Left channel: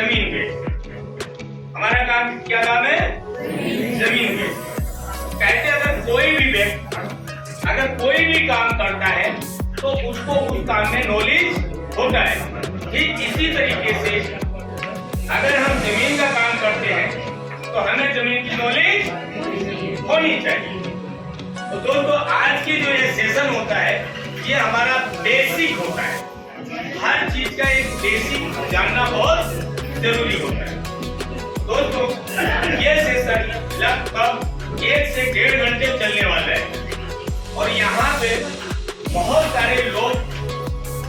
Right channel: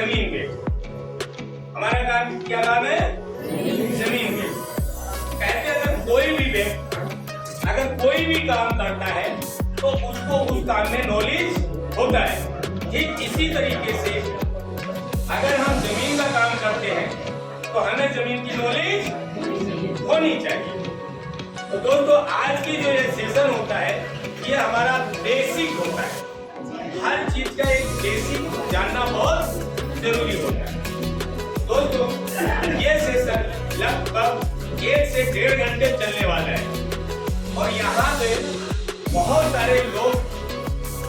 जमीन बेच। हमारा काम क्या काम है? जमीन बेच। कहते अगर कोई भी व्यक्ति अगर कोई भी काम करता है तो उसको उस काम में नॉलेज होता है। ठीक इसी तरीके से अगर हम जमीन का काम करते हैं तो हमें जमीन की नॉलेज होनी चाहिए। तो दोस्तों आज की जो ये सेशन होता है ये हमारा बेसिक होता है। हर चीज का एक बेसिक जानना बहुत जरूरी होता है। दोस्तों ये सेशन लगभग 1 से 1.5 घंटे चलने वाला है और यहाँ पे बहुत सारे लोग,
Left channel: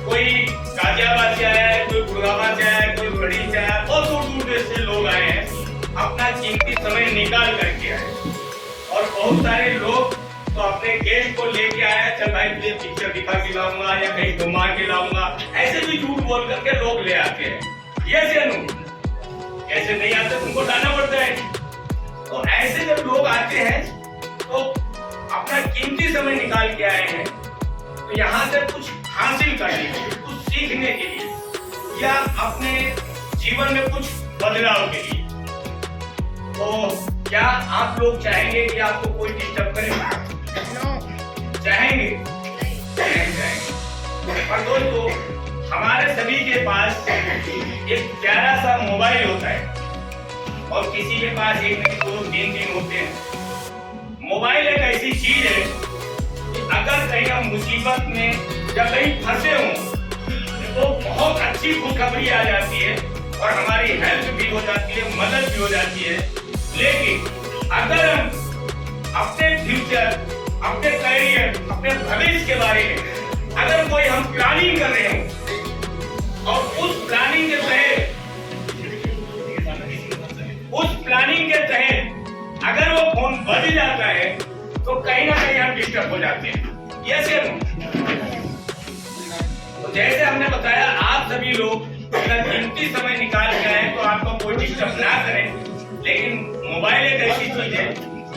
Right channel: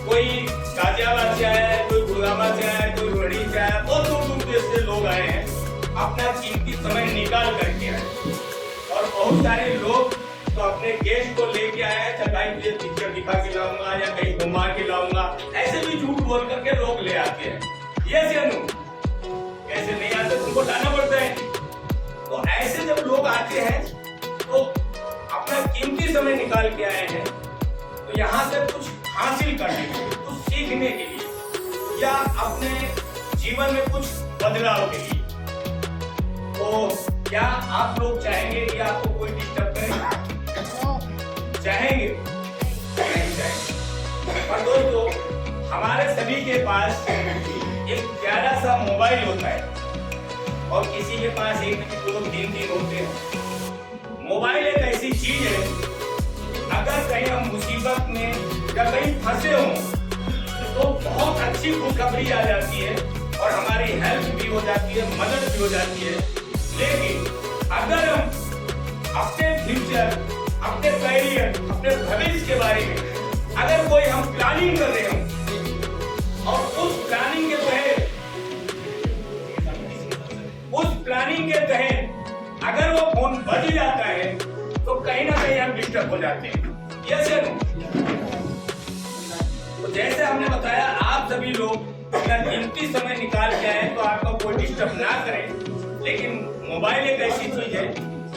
कोई गाजियाबाद से आया है, कोई गुड़गांव से आया है, कोई रोहड़ी से आया है, बहुत दूर दूर से लोग आए हैं, अपना कीमती समय निकाल करके आए। और बहुत सारे लोग तो अपने गेस्ट को लेके आया, चल भाई मुझे पिक्चर दिखा के लाऊंगा या कहीं घुमा के लाऊंगा, ऐसे भी झूठ बोल करके लोग ले आते हैं। ये सेनु ऐसे नहीं आते, तुमको लाना पड़ता है। तो ऐसे जब लोग आते हैं तो अपना कीमती समय निकाल के आए हैं तो यहाँ से कुछ हासिल करने के लिए, कुछ सीखने के लिए या अपने जीवन में कुछ बदलाव के लिए। तो क्या आप लोग चाहेंगे कि आपको कोई डिस्टर्ब करे? चाहेंगे? नहीं चाहेंगे। पर दोस्तों हमारे सभी के पास एक प्यारा सा मोबाइल होता है और किसी के पास 1 नहीं 2 3 दिन होते हैं। मोबाइल एक ऐसी चीज है कि अगर कहीं हम मुसीबत में या कहीं फंसे हों तो बहुत अच्छी खुशखबरी आ जाती है और हमारी हेल्प भी हो जाती है, मदद भी हो जाती है। लेकिन अगर हम अपने फ्यूचर, अपने करियर, अपने भविष्य के बारे में अगर कोई हम प्लानिंग कर रहे हैं और उस प्लानिंग के तहत अगर वो फोन बज जाता है तो कहीं ना कहीं हम डिस्टर्ब हो जाते हैं। यस या नो? तो जैसे हमने बताया आप सभी लोग अपना कीमती समय निकाल के आए तो आपको कोई डिस्टर्ब ना करे। लेकिन मोबाइल एक ऐसी चीज है,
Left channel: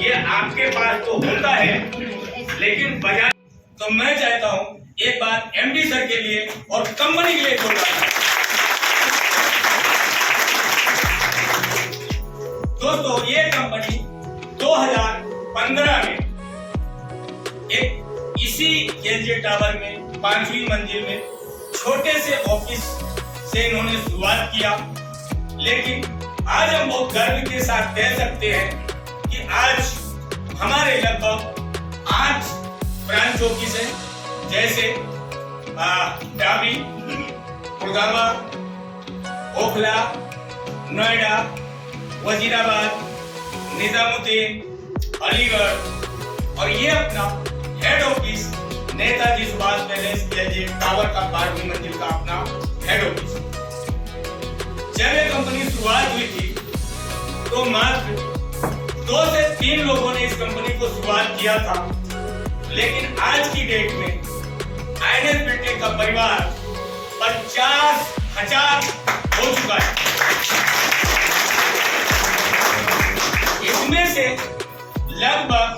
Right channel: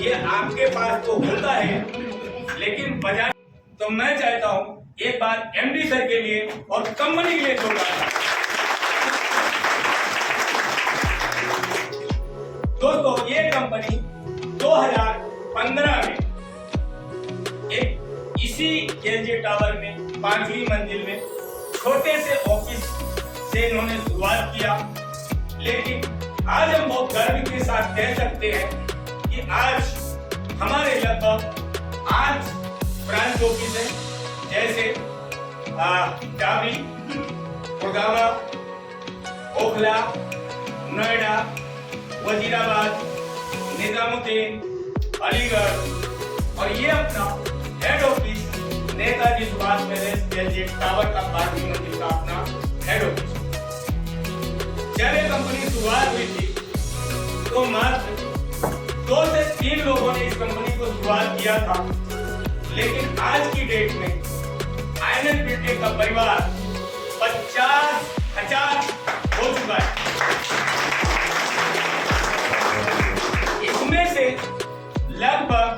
ये आपके पास तो होता है लेकिन बजाय, तो मैं चाहता हूं एक बात एमडी सर के लिए और कंपनी के लिए बोलना। दोस्तों ये कंपनी 2015 में एक इसी केएलजे टावर में 5वीं मंजिल में छोटे से ऑफिस से इन्होंने शुरुआत किया। लेकिन आज हम बहुत गर्व के साथ कह सकते हैं कि आज हमारे लगभग 8 ब्रांच ऑफिस है, जैसे डाबी, गुड़गांव, ओखला, नोएडा, वजीराबाद, निजामुद्दीन, अलीगढ़ और ये अपना head office Netaji Subhash palace KLJ tower का 12वीं मंजिल का अपना हेड ऑफिस। जब ये कंपनी शुरुआत हुई थी तो मात्र 2 से 3 लोगों ने इस कंपनी को शुरुआत किया था। लेकिन आज की डेट में आईएनएस बिल्टेक का परिवार 50,000 हो चुका है। इसमें से लगभग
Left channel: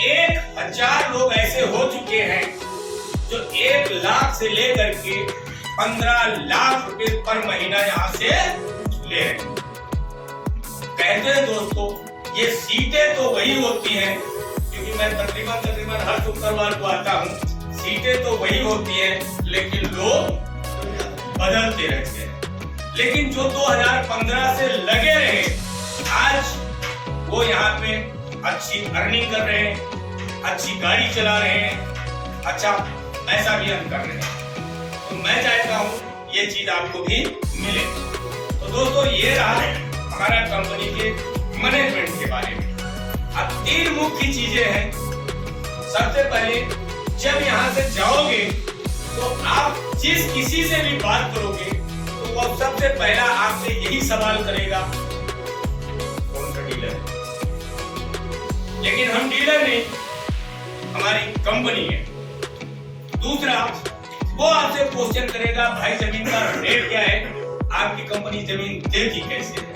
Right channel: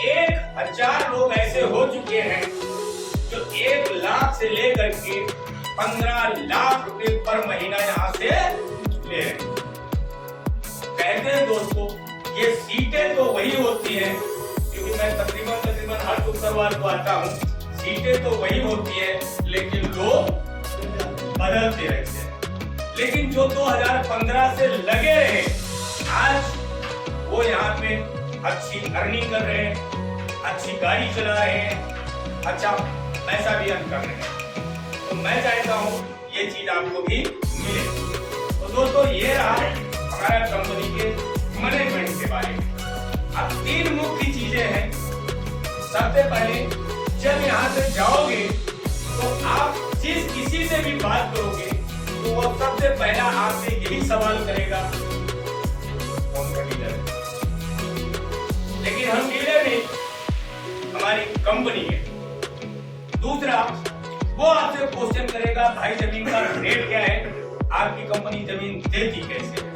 1,000 लोग ऐसे हो चुके हैं जो 1 लाख से लेकर के 15 लाख रुपए पर महीना यहाँ से ले रहे हैं। कहते हैं दोस्तों ये सीटें तो वही होती हैं, क्योंकि मैं तकरीबन हर शुक्रवार को आता हूँ, सीटें तो वही होती हैं लेकिन लोग बदलते रहते हैं। लेकिन जो 2015 से लगे रहे आज वो यहाँ पे अच्छी अर्निंग कर रहे हैं, अच्छी गाड़ी चला रहे हैं, अच्छा पैसा भी अर्न कर रहे हैं। तो मैं चाहता हूँ ये चीज आपको भी मिले। तो दोस्तों ये रहा हमारा कंपनी के मैनेजमेंट के बारे में। अब 3 मुख्य चीजें हैं। सबसे पहले जब यहाँ से जाओगे तो आप जिस किसी से भी बात करोगे तो वो सबसे पहला आपसे यही सवाल करेगा कौन सा डीलर है। लेकिन हम डीलर नहीं, हमारी कंपनी है। दूसरा वो आपसे क्वेश्चन करेगा भाई जमीन का रेट क्या है, आपकी कंपनी जमीन देती कैसे है।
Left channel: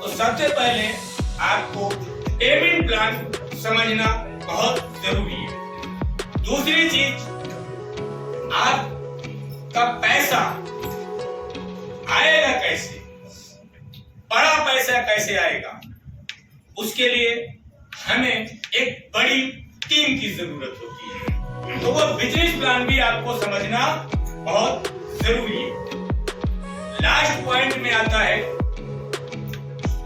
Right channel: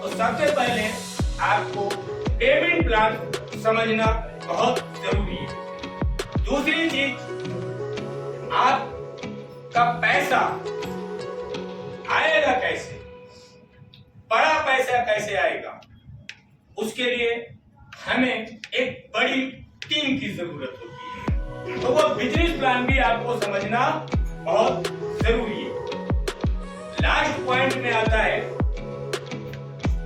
तो सबसे पहले आपको पेमेंट प्लान समझना बहुत जरूरी है। दूसरी चीज आपका पैसा आएगा कैसे, बड़ा पैसा कैसे आएगा, उसके लिए हमें एक बड़ी टीम की जरूरत होती है। तो वो बिजनेस प्लान भी आपको समझना बहुत जरूरी है। लास्ट पॉइंट में आता है,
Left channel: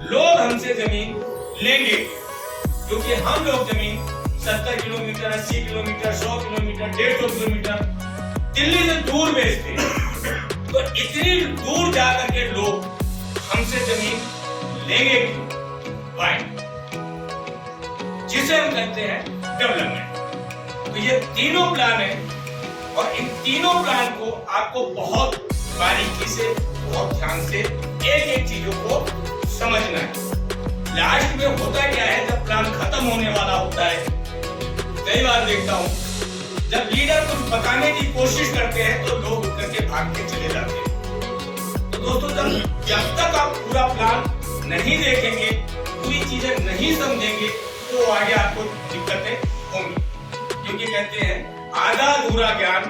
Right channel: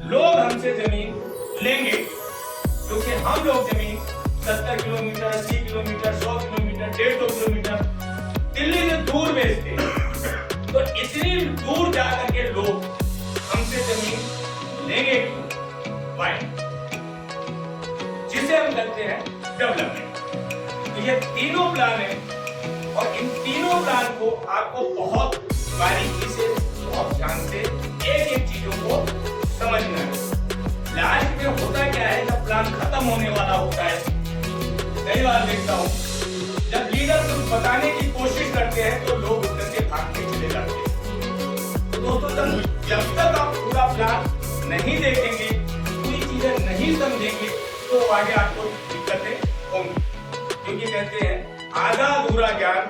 लोग हमसे जमीन लेंगे क्योंकि हम लोग जमीन 70 kilometre, 80 kilometre, 100 kilometre, 150 kilometre Delhi से दूर बेचते हैं। तो इतनी दूर जाकर के लोग हमसे जमीन लेंगे क्यों? वाई? जिसे हम कहते हैं डेवलपमेंट। तो ये तीनों प्लान है और इन तीनों प्लान को आपको बहुत बारीकी से, बहुत ध्यान से एक एक चीजों को समझना है। लास्ट में होता क्या है, जब प्लान खत्म होने वाला होता है, कई बार देखता हूं जब लीडर कुछ बताने की कोशिश करते हैं तो लोग उठ करके भाग के चले जाते हैं। तो दोस्तों, जब तक आप पूरा प्लान नहीं देखेंगे, पूरी चीजें नहीं समझेंगे, तो आगे आपको दिक्कतें होंगी। क्योंकि कहते हैं आधा अधूरा ज्ञान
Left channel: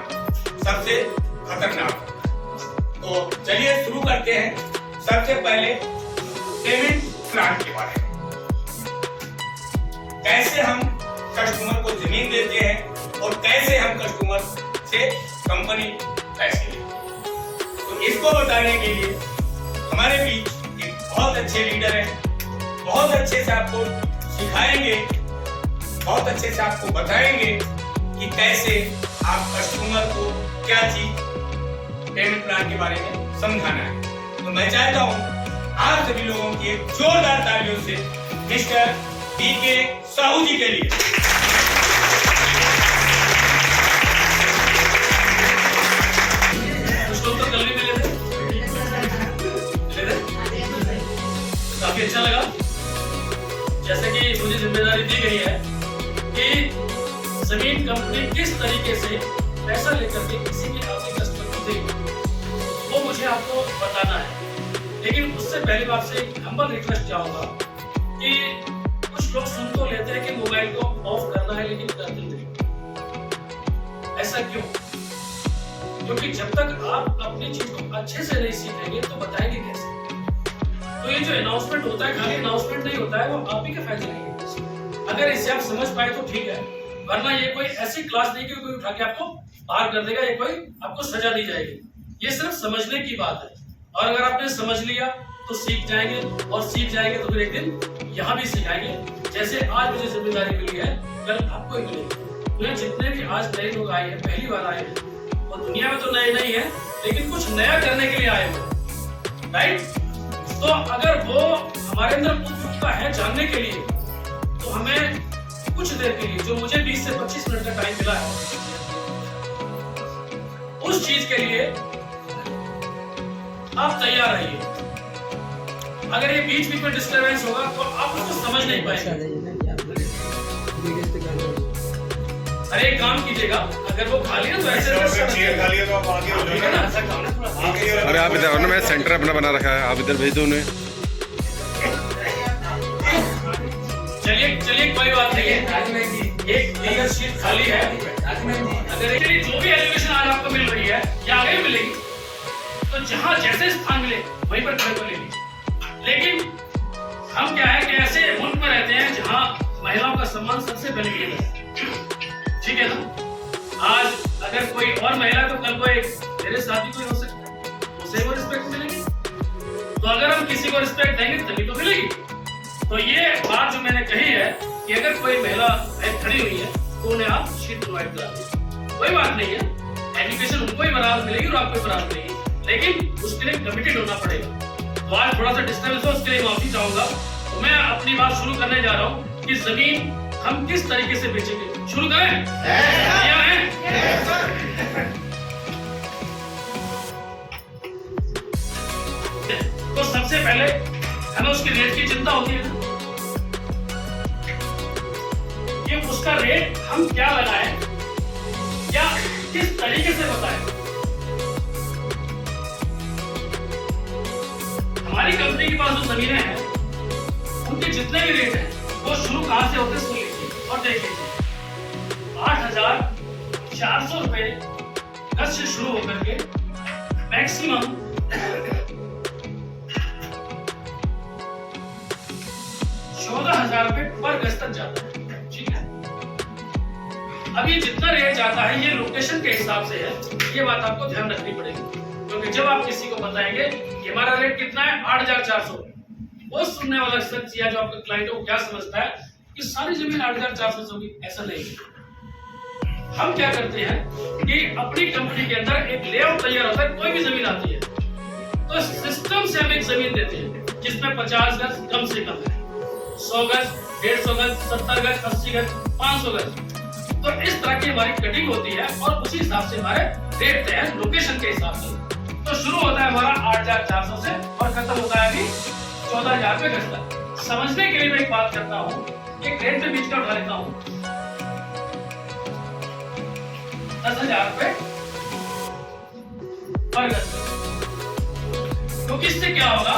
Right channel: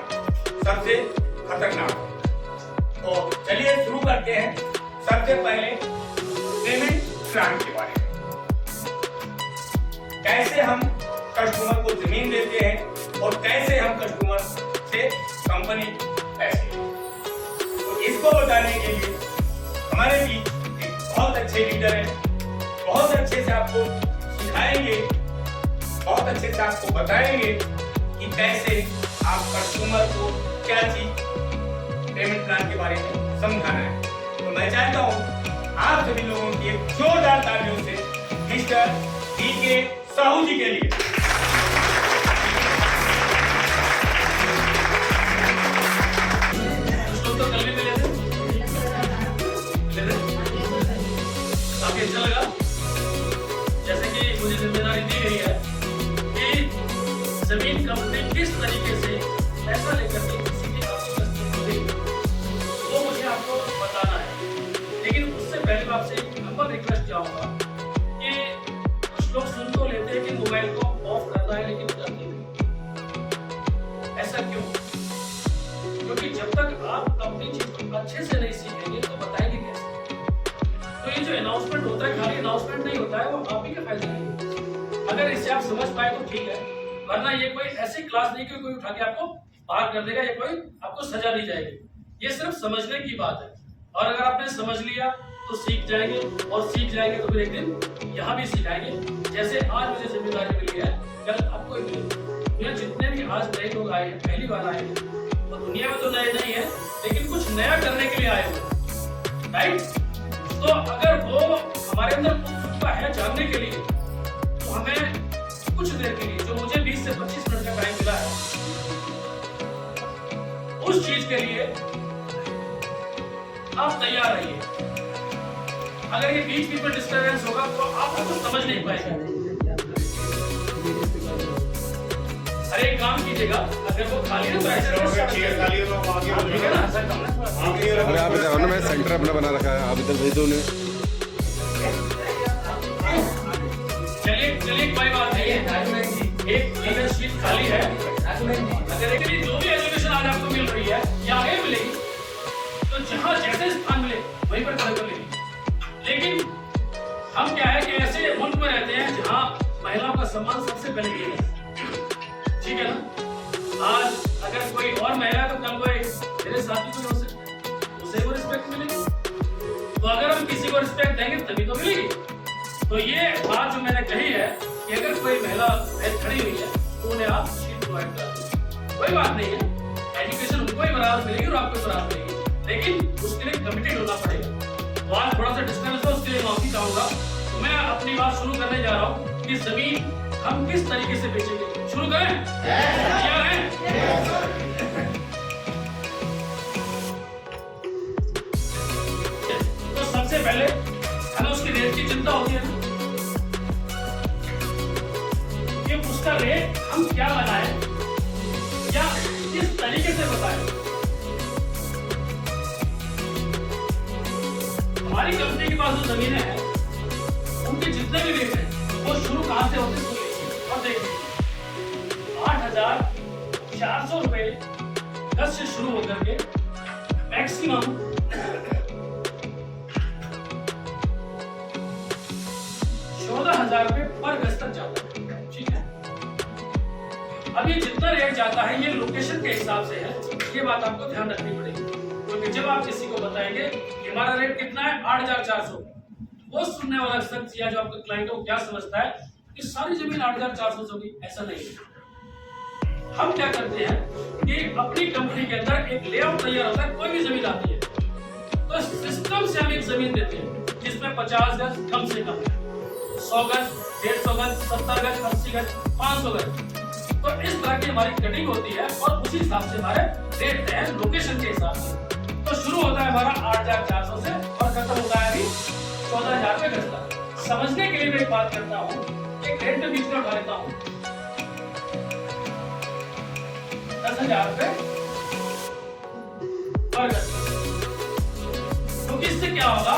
सबसे खतरनाक। तो चलिए शुरू करते हैं। सबसे पहले पेमेंट प्लान के बारे में, कैसे हम कस्टमर को जमीन देते हैं और कैसे हम कस्टमर से कंपनी पैसे लेते हैं। तो इसको बताने के लिए हमारे बीच एक बहुत अच्छे लीडर हैं, बहुत अच्छे से आपको सिखाएंगे, बहुत अच्छे से आपको बताएंगे कि कैसे आप कस्टमर को क्या चीज पेमेंट प्लान के बारे में समझाना है। तो मैं चाहता हूं आप सभी लोगों की एक जोरदार तालियों से मिस्टर बीके साहू जी के लिए। तो कल भी मिले थे, काफी अच्छा लगा। जैसे कि मुझे जिम्मेदारी दी गई है कि जमीन कंपनी किस तरीके से पैसा लेकर के किसी भी आपके कस्टमर को देगी, वो मुझे आपको बताना है। लेकिन उससे पहले मैं आपसे एक हम्बल रिक्वेस्ट चाहूंगा कि कुछ लोग सुन तो लेते हैं कि मोबाइल को ऑफ करना है, लेकिन करते नहीं। ऐसा क्यों? क्योंकि जब तक आप अपनी चीज को अच्छे से नहीं सीखेंगे तो बताएंगे कैसे? तो ये जो अनाउंसमेंट होता है, खाली अनाउंसमेंट नहीं होता है, वो आप ही के फायदे नहीं। अगर इसे आप समझ पाए तो ठीक है, वरना ये कोई ऐसी क्लास नहीं कि कोई उठा के आपको बाहर कर देगा या कोई आपको सजा दी जाएगी। ये सिर्फ समझने की बात है, और अगर आपने समझ लिया तो सीख जाएंगे, और सीख जाएंगे तो फिर एक दिन यहाँ भी सिखाएंगे। जैसे आज मुझे जिम्मेदारी मिली है, कल आपको ही मिलेगी। दुनिया जितने भी आज नए लोग आए हैं, पहली बार आए हैं, वो दुनिया में तो नए नहीं है, लेकिन कुछ नया करने के लिए आए हुए, राइट? तो अगर वो हमारे अंदर उत्सुकता है जानने के लिए, तो हमें कुछ देर के लिए, जो मुझे 20 से 25 मिनट का टाइम मिला है, उस चीज के लिए आप तैयार रहिए। अगर ये बीच बीच में डिस्टरबेंस होगा तो आप उसको समझ नहीं पाएंगे। अरे एक काम कीजिएगा, अगर वो खाली है तो ऐसे अरे आप इधर ना, मैं सेंटर अपना बना रखा है, आप इधर भेज दो उन्हें। चलिए कोई बात नहीं है, एक लीडर शीट खाली है। अगर जो भी एजुकेशन आज आपको मिल रही है या आगे मिलेगी, तो जहां जैसे स्थान मिले वहीं पर खड़े कर लेंगे। लेकिन हम क्या है कि ऐसे मुल्क में रहते हैं जहां महिलाओं का सम्मान सबसे पहले किया जाता है, ठीक है ना? आज अगर कोई और महिला है तो कल वो एक मेरे साथी कोई हो सकता है, उसे वो रिस्पेक्ट मिलेगी। तो अगर हम किसी को रिस्पेक्ट देंगे तभी तो मिलेगी। तो ये बात जो मैंने कही है कि अगर कोई महिला खड़ी हुई है तो उन्हें आप शीट प्रोवाइड करा दीजिए, कोई बात नहीं है। एजुकेशन उनको ही बराबर मिलेगी और आपको ही बराबर मिलेगी, लेकिन उसके लिए कमिटेड होना पड़ेगा। तो आज थोड़ा सा डिस्टर्बेंस हो, उसके लिए माफी चाहूंगा। तो मैं अपनी बात शुरू करने जा रहा हूँ कि जमीन हम किस तरीके से बेचेंगे। शुरू करें? तैयार हैं? तो सबसे पहले हमें उसकी रेट की चिंता होती है कि उसका रेट हम क्या लगाएं या किस तरीके से बताएं। हमारी कंपनी के पास जो जमीनें हैं उनके जितने भी रेट हैं वो शुरू कहां से होते सुन लीजिए और देख लीजिए। 8,400 रुपए गज से शुरू होकर के मैक्सिमम तक जाता है। ठीक है, अब ये जितना रेट जाता है ये लोकेशन के हिसाब से है, ये बात आपको ध्यान रखनी पड़ेगी, क्योंकि जब आप किसी को बताएंगे कि हमारा रेट कितना है 8,400, वो सुनने वाला शख्स या जो आपका क्लाइंट है वो क्या समझता है कि सारी जमीन 8,400 से होगी। ऐसा नहीं है। हम क्या करते हैं कि अपनी कंपनी के अंदर एक लेआउट तैयार होता है, कोई भी जमीन आती है तो सिस्टम से हम एक जमीन देते हैं जिसमें 50 गज कम से कम, 100 गज, 150 गज, 70 गज, 80 गज, 500 गज। तो इस तरह की हमारी कटिंग होती है और उसी हिसाब से हमारे रेट तय है लोकेशन के हिसाब से। तो शुरू होता है हमारा 8,400 से और खत्म होता है अभी 14,000 रुपए गज का। समझने के लिए मैं एक बात करता हूँ, एक रेट में बीच का उठा लेता हूँ 10,000 रुपए पर गज। क्योंकि इससे क्या होगा,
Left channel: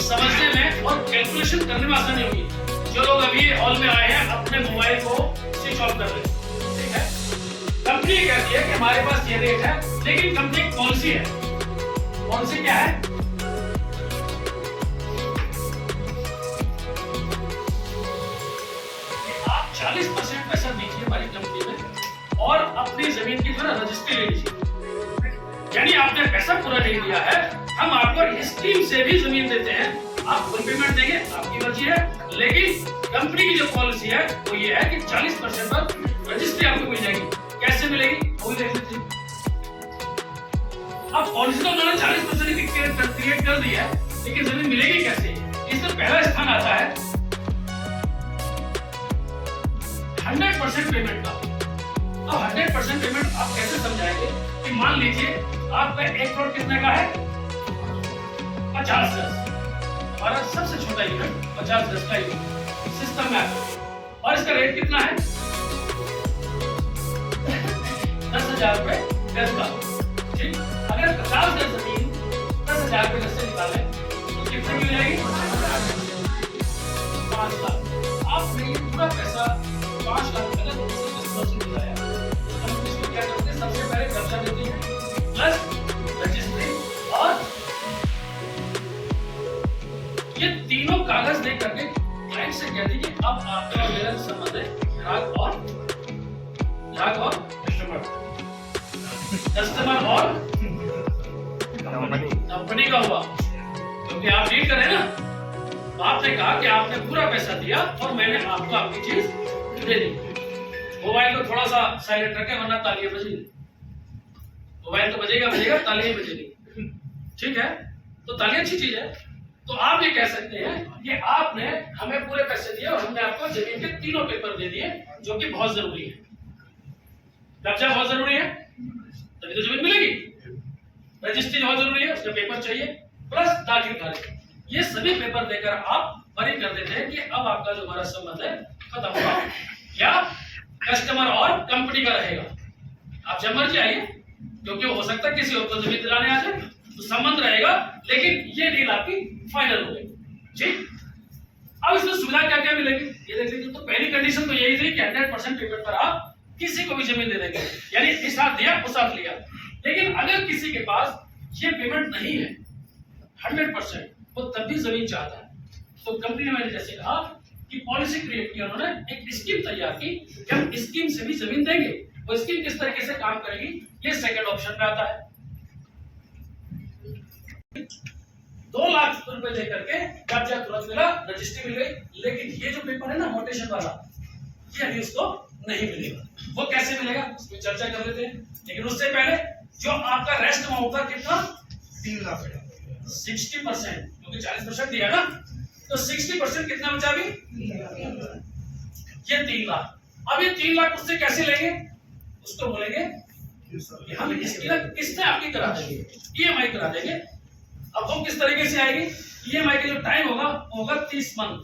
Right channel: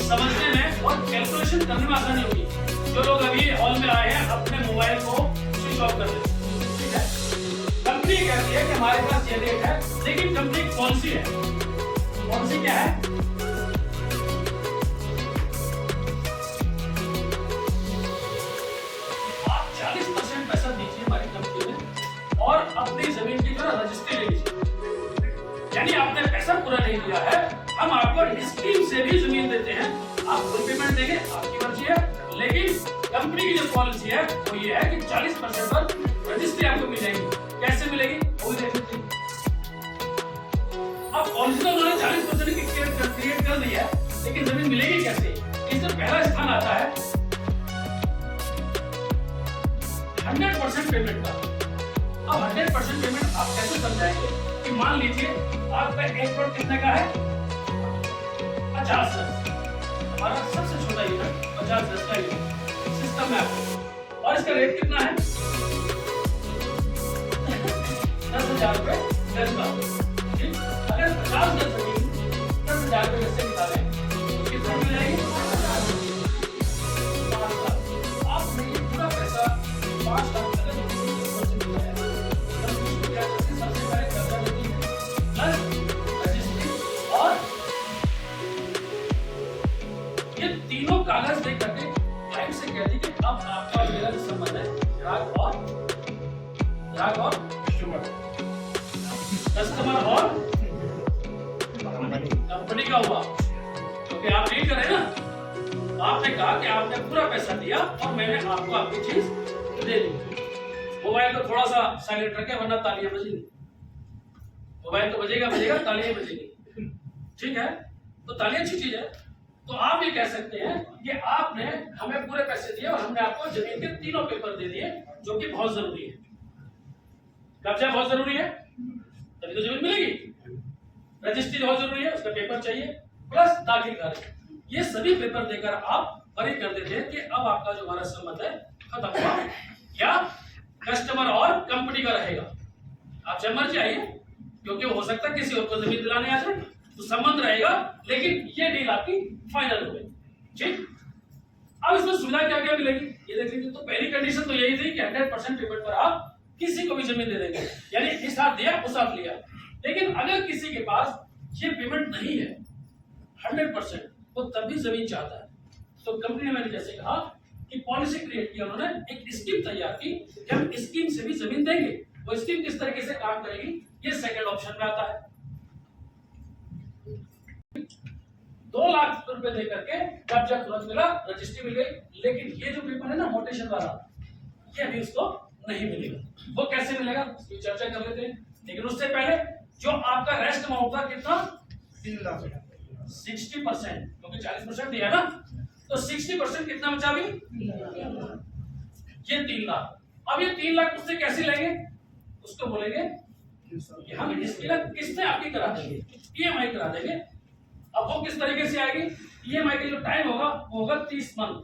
समझने में और कैलकुलेशन करने में आसानी होगी। जो लोग अभी हॉल में आए हैं अपने मोबाइल को स्विच ऑफ कर ले, ठीक है। कंपनी कहती है कि हमारे पास ये रेट है, लेकिन कंपनी कौन सी है, कौन सी क्या है, आप 40% पैसा दीजिए हमारी कंपनी में और अपनी जमीन की जो रजिस्ट्री ले लीजिए। यानी आपने पैसा पूरा नहीं दिया है, हम आपको स्कीम से भी जमीन देते हैं, आप फुल पेमेंट देंगे, आपकी मर्जी है। लेकिन कंपनी की जो पॉलिसी है वो ये है कि 40% पर रजिस्ट्री आपको मिल जाएगी। कैसे मिलेगी वो भी देख लीजिए। अब पॉलिसी तो उन्होंने 40% की क्रिएट कर दी है, लेकिन जमीन मिलेगी कैसे? इसमें पहला स्थान आता है 100% पेमेंट का। अब 100% पेमेंट आप कैसे समझाएंगे कि मान लीजिए आपका 1 करोड़ कितने का है, 50 गज। हमारा सबसे छोटा यूनिट 50 गज का यूनिट सिस्टम में आता है और इसका रेट कितना है 10,000 रुपए गज का। ठीक, अगर 50 गज जमीन 10,000 रुपए गज से निकालें तो कितने की मिलेगी 5 लाख। आपने ये पूरा पैसा 5 लाख का किसी से मिलाया तो कंपनी को क्या करते हैं, सबसे पहले कब्जा देती है प्लस रजिस्ट्री और ये तीनों कागज दे करके क्लाइंट से कहती है कि अब आपका मेरा जो संबंध है ग्राहक और कस्टमर और कंपनी का हुआ, क्योंकि आप डील कर रहे हैं ना। आपने कहा कि आपने पूरा पैसा दिया और मैंने आपको आपकी चीज दे दी। मोबाइल को थोड़ा सा साइलेंट रखें वरना तालियां बजेगी। मोबाइल तो बजेगा, तालियां बजेगी। ठीक है, तो तालियां अच्छी चीज है। तो आप ये कह सकते हैं कि आपने हमें पूरे पैसे दिए और हमने आपको जमीन के तीनों पेपर दे दिए, जो कि बहुत जरूरी है। कब्जा बहुत जरूरी है, तभी तो जमीन मिलेगी। रजिस्ट्री बहुत जरूरी है, उसके पेपर चाहिए, प्लस दाखिल खारिज। ये सभी पेपर देकर आप बरी कर देते हैं कि अब आपका जो हमारा संबंध है खत्म हुआ, या कस्टमर और कंपनी का रहेगा। आप जब मर्जी आइए, क्योंकि हो सकता है किसी और को जमीन दिलाने आ जाए, तो संबंध रहेगा, लेकिन ये डील आपकी फाइनल हो गई। ठीक, अब इसमें सुविधा क्या क्या मिलेगी ये देख लीजिए। तो पहली कंडीशन तो यही थी कि 100% पेमेंट पर आप किसी को भी जमीन दे देंगे, यानी इस हाथ दिया उस हाथ लिया। लेकिन अगर किसी के पास ये पेमेंट नहीं है 100%, तो तब भी जमीन चाहता है, तो कंपनी ने मैंने जैसे कहा कि पॉलिसी क्रिएट की, उन्होंने एक स्कीम तैयार की कि हम स्कीम से भी जमीन देंगे। वो स्कीम किस तरीके से काम करेगी ये सेकंड ऑप्शन में आता है। 2 लाख रुपए लेकर के कब्जा तुरंत मिला, रजिस्ट्री मिल गई। लेकिन ये जो पेपर है ना मोटेशन वाला, ये अभी उसको नहीं मिलेगा। वो कैसे मिलेगा उस पर चर्चा कर लेते हैं। लेकिन उससे पहले जो आपका रेस्ट अमाउंट था कितना 3 लाख, 60%, क्योंकि 40% दिया ना, तो 60% कितना बचा अभी ये 3 लाख। अब ये 3 लाख उससे कैसे लेंगे, उसको बोलेंगे कि हम इसकी किस्तें आपकी करा देंगे, ईएमआई करा देंगे। अब वो किस तरीके से आएगी, ईएमआई का जो टाइम होगा वो होगा 30 मंथ,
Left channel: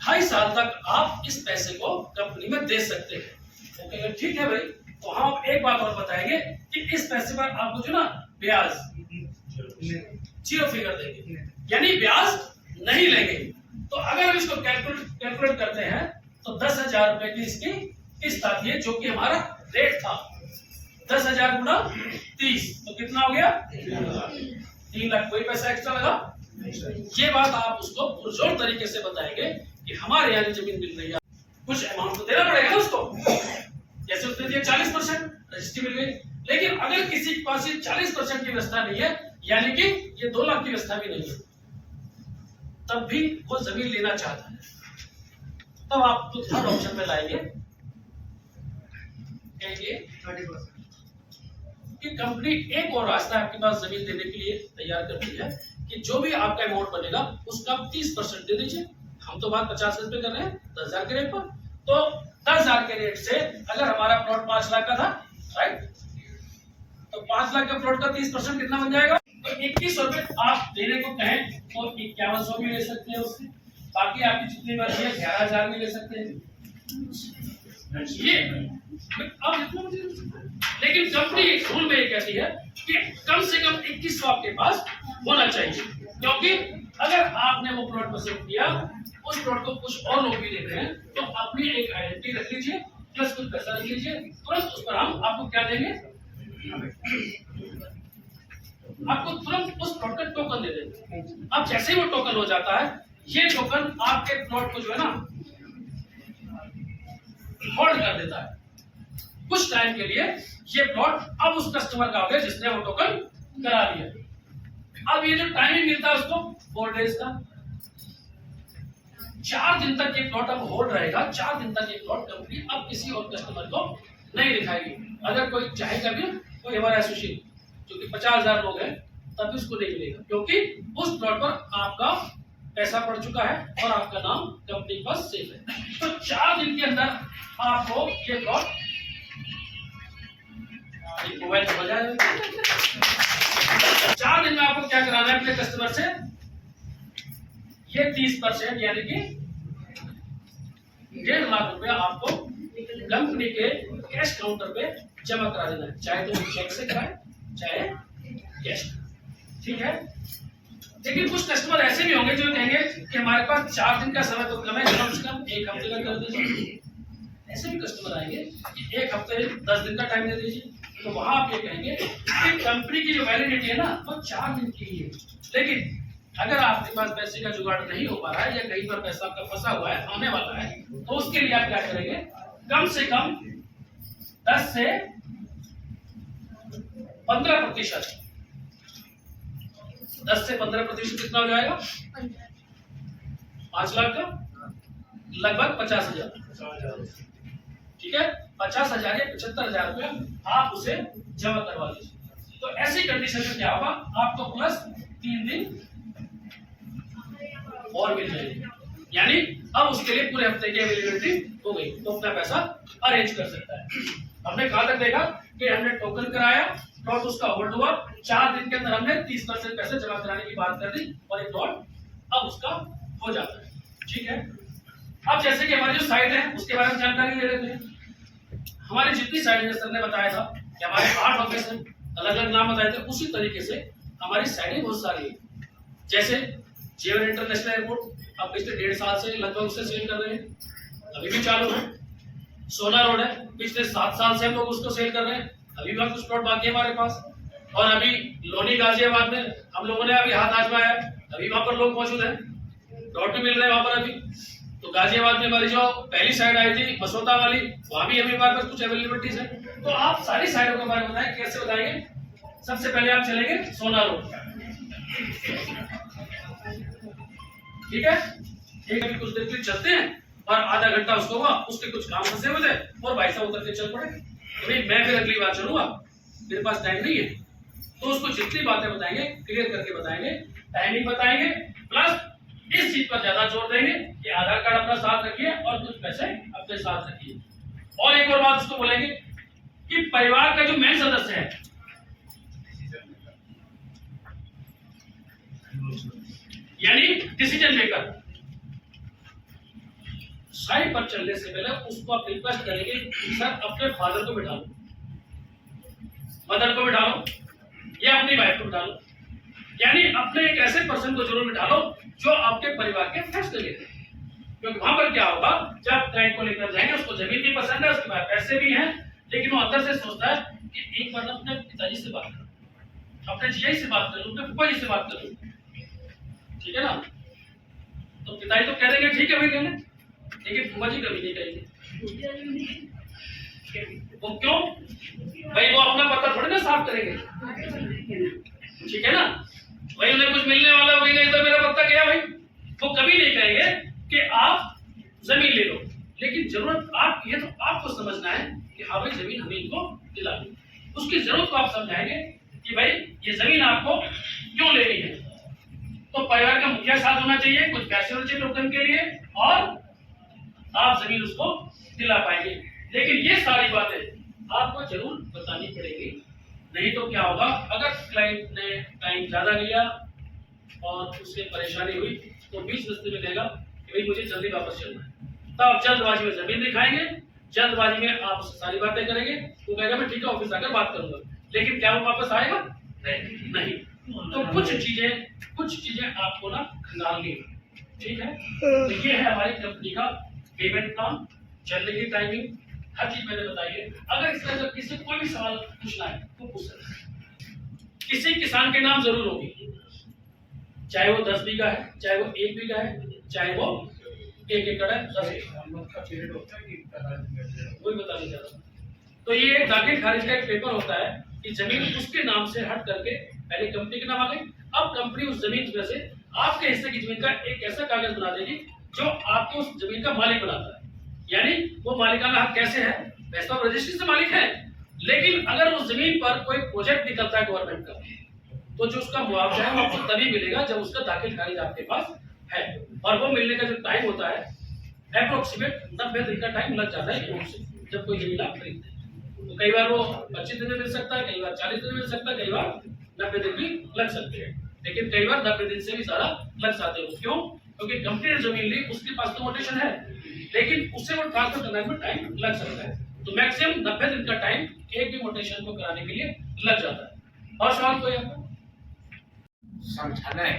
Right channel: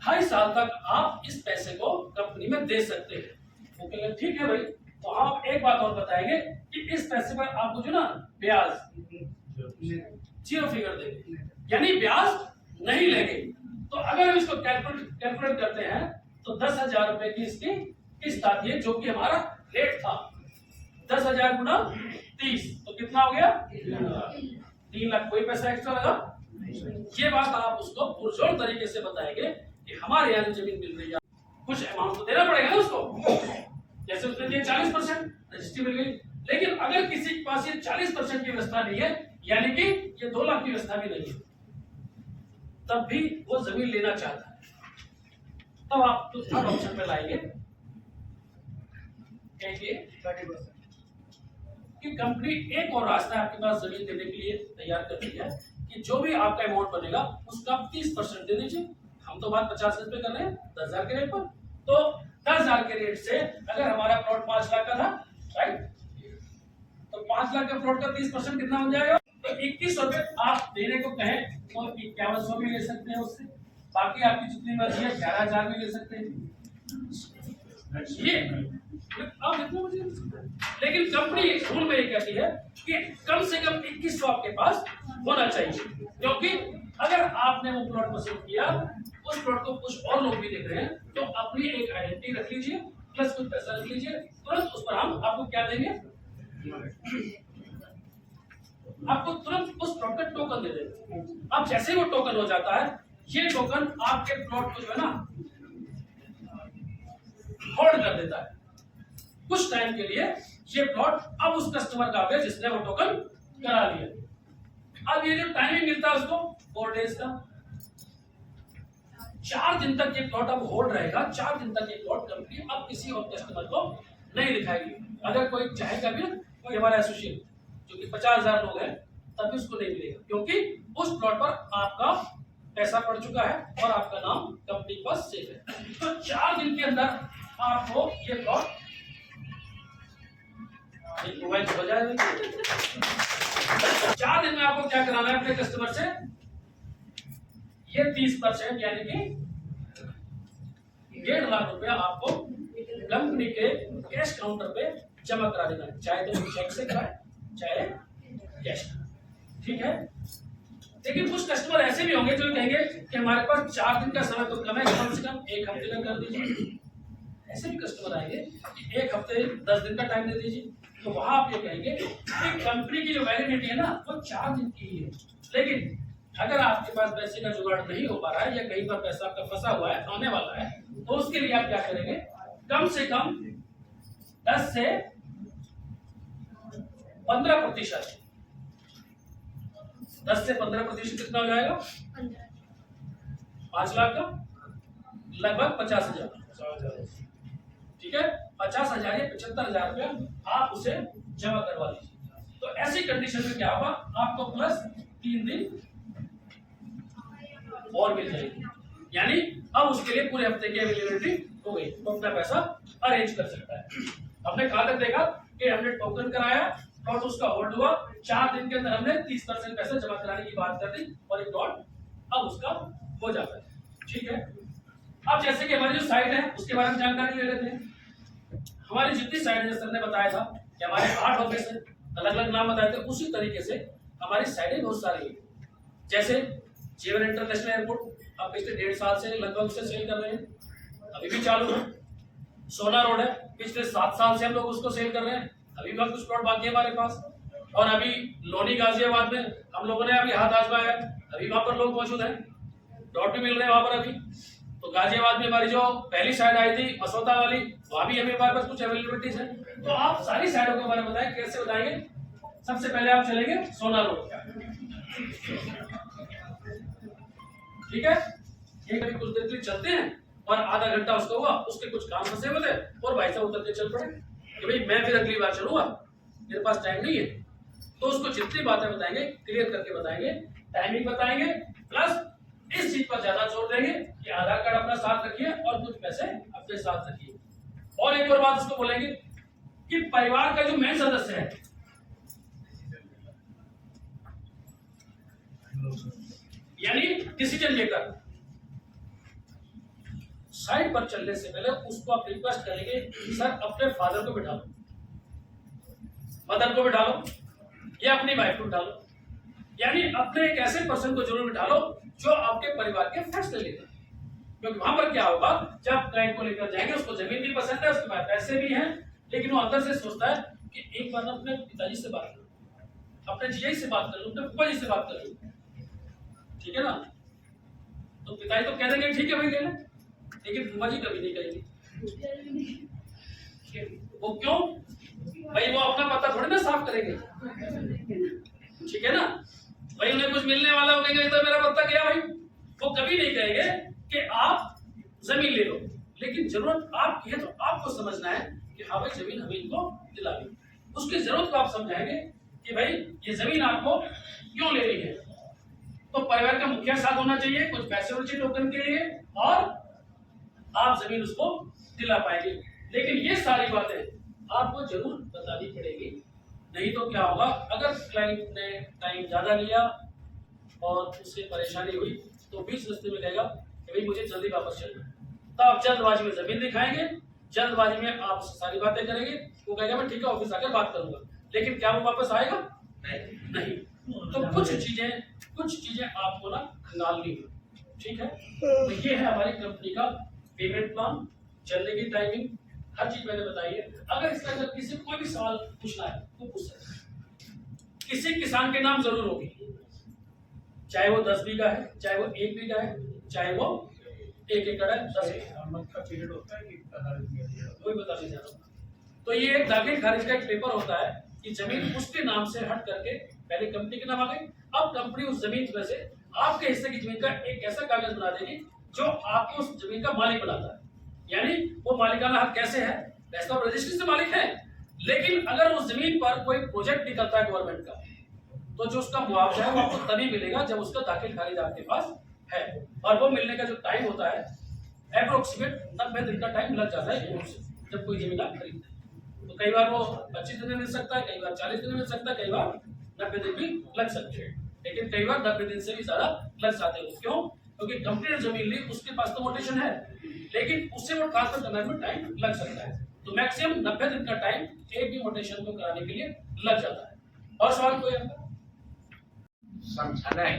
2.5 साल तक आप इस पैसे को कंपनी में दे सकते हैं। वो कहेंगे ठीक है भाई, तो हम एक बात और बताएंगे कि इस पैसे पर आपको जो ना ब्याज 0 फिगर देंगे, यानी ब्याज नहीं लेंगे। तो अगर हम इसको कैलकुलेट करते हैं तो 10,000 रुपए की इसकी किस्त आती है, जो कि हमारा रेट था 10,000 गुना 30, तो कितना हो गया 3 लाख। कोई पैसा एक्स्ट्रा लगा ये बात आप उसको पुरजोर तरीके से बताएंगे कि हमारे यहाँ जमीन मिल रही है, कुछ अमाउंट तो देना पड़ेगा ना उसको। जैसे उसने दिया 40%, रजिस्ट्री मिल गई। लेकिन अगर किसी के पास 40% की व्यवस्था नहीं है, यानी कि ये 2 लाख की व्यवस्था भी नहीं है, तब भी वो जमीन लेना चाहता है, तब आप तो थर्ड ऑप्शन में लाएंगे, कहेंगे कि कंपनी एक और रास्ता आपके पास जमीन देने के लिए तैयार करती है कि जो भी आपका अमाउंट बनेगा उसका आप 30% दे दीजिए। हम तो बात 50,000 पे कर रहे हैं 10,000 के रेट पर। तो 10,000 के रेट से अगर हमारा प्लॉट 5 लाख का था, राइट, तो 5 लाख का प्लॉट का 30% कितना बन जाएगा? तो 2100 रुपए आप देने को कहें तो 5100 भी ले सकते हैं उससे, बाकी आपकी जितनी मर्जी है 11,000 भी ले सकते हैं। ये अब लेकिन कंपनी एक रूल में ये कहती है कि कम से कम 2100 आपके पास होना चाहिए, क्योंकि अगर आपने वो प्लॉट पसंद किया, उस प्लॉट को कुछ और लोग भी देख रहे हैं, तो अपनी एक आइडेंटिटी रख लीजिए, प्लस कुछ पैसा रख लीजिए, तुरंत उस पर हम आपको क्या देंगे? आपको तुरंत उस प्लॉट का टोकन दे देंगे। अब जैसे ही वो टोकन हो जाता है, ये टोकन आपके प्लॉट को जो है ना होल्ड कर देता है कुछ टाइम के लिए। ये प्लॉट अब उस कस्टमर का हो गया जिसने वो टोकन करा लिया। अब ये जो टाइमिंग मिलता है उसको 4 डेज का, 4 दिन तक ये प्लॉट अब होल्ड रहेगा। 4 दिन तक ये प्लॉट कंपनी अब किसी और कस्टमर को नहीं दिखाएगी। अगर कोई चाहेगा भी, कोई हमारा एसोसिएट जो कि 50,000 लोग हैं, तब भी उसको नहीं मिलेगा, क्योंकि उस प्लॉट पर आपका पैसा पड़ चुका है और आपका नाम कंपनी के पास सेफ है। तो 4 दिन के अंदर आपको ये प्लॉट मोबाइल पे बजा है। 4 दिन में आपको क्या कराना है अपने कस्टमर से? ये 30% यानी कि 1.5 लाख रुपया आपको कंपनी के कैश काउंटर पे जमा करा देना है, चाहे तो चेक से कराए चाहे कैश। ठीक है। लेकिन कुछ कस्टमर ऐसे भी होंगे जो कहेंगे कि हमारे पास 4 दिन का समय तो कम है, कम से कम 1 हफ्ते का कर दीजिए। ऐसे भी कस्टमर आएंगे कि 1 हफ्ते 10 दिन का टाइम दे दीजिए। तो वहां आप ये कहेंगे कि कंपनी की जो वैलिडिटी है ना वो 4 दिन की ही है। लेकिन अगर आपके पास पैसे का जुगाड़ नहीं हो पा रहा है या कहीं पर पैसा आपका फंसा हुआ है, आने वाला है, तो उसके लिए आप क्या करेंगे? कम से कम 10 से 15%। 10 से 15% कितना हो जाएगा? 5 लाख का लगभग 50,000। ठीक है, 50,000 या 75,000 रुपया आप उसे जमा करवा लीजिए। तो ऐसी कंडीशन में क्या होगा? आपको प्लस 3 दिन और मिल जाएगी, यानी अब उसके लिए पूरे हफ्ते की अवेलेबिलिटी हो गई, तो अपना पैसा अरेंज कर सकता है। हमने कहां तक देखा कि हमने टोकन कराया, प्लॉट उसका होल्ड हुआ, 4 दिन के अंदर हमने 30% पैसे जमा कराने की बात कर दी और एक प्लॉट अब उसका हो जाता है। ठीक है। अब जैसे कि हमारी जो साइट है उसके बारे में जानकारी ले लेते हैं। हमारी जितनी साइट है, सर ने बताया था कि हमारे 8 ऑफिस हैं, अलग अलग नाम बताए थे, उसी तरीके से हमारी साइटें बहुत सारी है। जैसे जेवन इंटरनेशनल एयरपोर्ट अब पिछले 1.5 साल से लगभग उससे सेल कर रहे हैं, अभी भी चालू है। सोना रोड है, पिछले 7 साल से हम लोग उसको सेल कर रहे हैं, अभी भी कुछ प्लॉट बाकी है हमारे पास। और अभी लोनी गाजियाबाद में हम लोगों ने अभी हाथ आजमाया, अभी वहां पर लोग मौजूद हैं, प्लॉट भी मिल रहे हैं वहां पर अभी। तो गाजियाबाद में हमारी जो पहली साइड आई थी मसौदा वाली, वहां भी हमें पास कुछ अवेलेबिलिटीज है। तो आप सारी साइडों के बारे में बताएं, कैसे बताएंगे? सबसे पहले आप चलेंगे सोना रोड। ठीक है, एक अभी कुछ देर के लिए चलते हैं और आधा घंटा उसको हुआ, उसके कुछ काम फंसे हुए थे और भाई साहब उतर के चल पड़े कि भाई मैं फिर अगली बार चलूंगा, मेरे पास टाइम नहीं है। तो उसको जितनी बातें बताएंगे क्लियर करके बताएंगे, टाइमिंग बताएंगे, प्लस इस चीज पर ज्यादा जोर देंगे कि आधार कार्ड अपना साथ रखिए और कुछ पैसे अपने साथ रखिए। और एक और बात उसको बोलेंगे कि परिवार का जो मेन सदस्य है, यानी डिसीजन मेकर, साइड पर चलने से पहले उसको आप रिक्वेस्ट करेंगे सर अपने फादर को बिठा लो, मदर को बिठा लो या अपनी वाइफ को बिठा लो, यानी अपने एक ऐसे पर्सन को जरूर बिठा लो जो आपके परिवार के फैसले लेते हैं। क्योंकि वहां पर क्या होगा, जब क्लाइंट को लेकर जाएंगे, उसको जमीन भी पसंद है, उसके पास पैसे भी हैं, लेकिन वो अंदर से सोचता है कि एक बार अपने पिताजी से बात करूं, अपने जीजाजी से बात करूं, अपने फूफा जी से बात करूं। ठीक है ना। तो पिताजी तो कह देंगे ठीक है भाई ले ले, लेकिन फूफा जी कभी नहीं कहेंगे। वो क्यों भाई? वो अपना पता थोड़ी ना साफ करेंगे, ठीक है ना। भाई उन्हें कुछ मिलने वाला हो गया तो मेरा पता गया भाई, वो कभी नहीं कहेंगे कि आप जमीन ले लो। लेकिन जरूरत आपकी है तो आपको समझना है कि हाँ भाई जमीन हमें इनको दिला दो। उसकी जरूरत को आप समझाएंगे कि भाई ये जमीन आपको क्यों लेनी है। तो परिवार का मुखिया साथ होना चाहिए कुछ पैसे होने चाहिए टोकन के लिए, और आप जमीन उसको दिला पाएंगे। लेकिन ये सारी बातें आपको जरूर बतानी पड़ेगी, नहीं तो क्या होगा, अगर क्लाइंट ने टाइम ज्यादा लिया और उससे परेशानी हुई तो बीच रास्ते में कहेगा कि भाई मुझे जल्दी वापस चलना है, तो आप जल्दबाजी में जमीन दिखाएंगे, जल्दबाजी में आप सारी बातें करेंगे। वो कहेगा मैं ठीक है ऑफिस आकर बात करूंगा, लेकिन क्या वो वापस आएगा? नहीं। तो कुछ चीजें आपको ना खंगालनी है, ठीक है। तो ये है हमारी कंपनी का पेमेंट प्लान, चलने की टाइमिंग, हर चीज मैंने बताई है। अगर इसका अगर किसी कोई भी सवाल पूछना है तो पूछ सकते हैं। किसी किसान के नाम जरूर होगी, चाहे वो 10 बीघा है, चाहे वो 1 बीघा है, चाहे वो 1 एकड़ है, 10 एकड़ होता है, वही बता नहीं चाहता। तो ये एक दाखिल खारिज का एक पेपर होता है कि जमीन उसके नाम से हट करके पहले कंपनी के नाम आ गई, अब कंपनी उस जमीन में से आपके हिस्से की जमीन का एक ऐसा कागज बना देगी जो आपको उस जमीन का मालिक बनाता है। यानी वो मालिकाना हक कैसे है? वैसे तो रजिस्ट्री से मालिक है, लेकिन अगर उस जमीन पर कोई प्रोजेक्ट निकलता है गवर्नमेंट का, तो जो उसका मुआवजा है वो आपको तभी मिलेगा जब उसका दाखिल खारिज आपके पास है। और वो मिलने का जो टाइम होता है अप्रोक्सीमेट 90 दिन का टाइम लग जाता है जब कोई जमीन आप खरीदते हैं। तो कई बार वो 25 दिन में मिल सकता है, कई बार 40 दिन में मिल सकता है, कई बार 90 दिन भी लग सकते हैं, लेकिन कई बार 90 दिन से भी ज्यादा लग जाते हैं। क्यों? क्योंकि कंपनी ने जमीन ली, उसके पास तो मोटेशन है, लेकिन उससे वो ट्रांसफर करने में टाइम लग सकता है। तो मैक्सिमम 90 दिन का टाइम एक भी मोटेशन को कराने के लिए लग जाता है। और सवाल कोई आपका? समझाना है,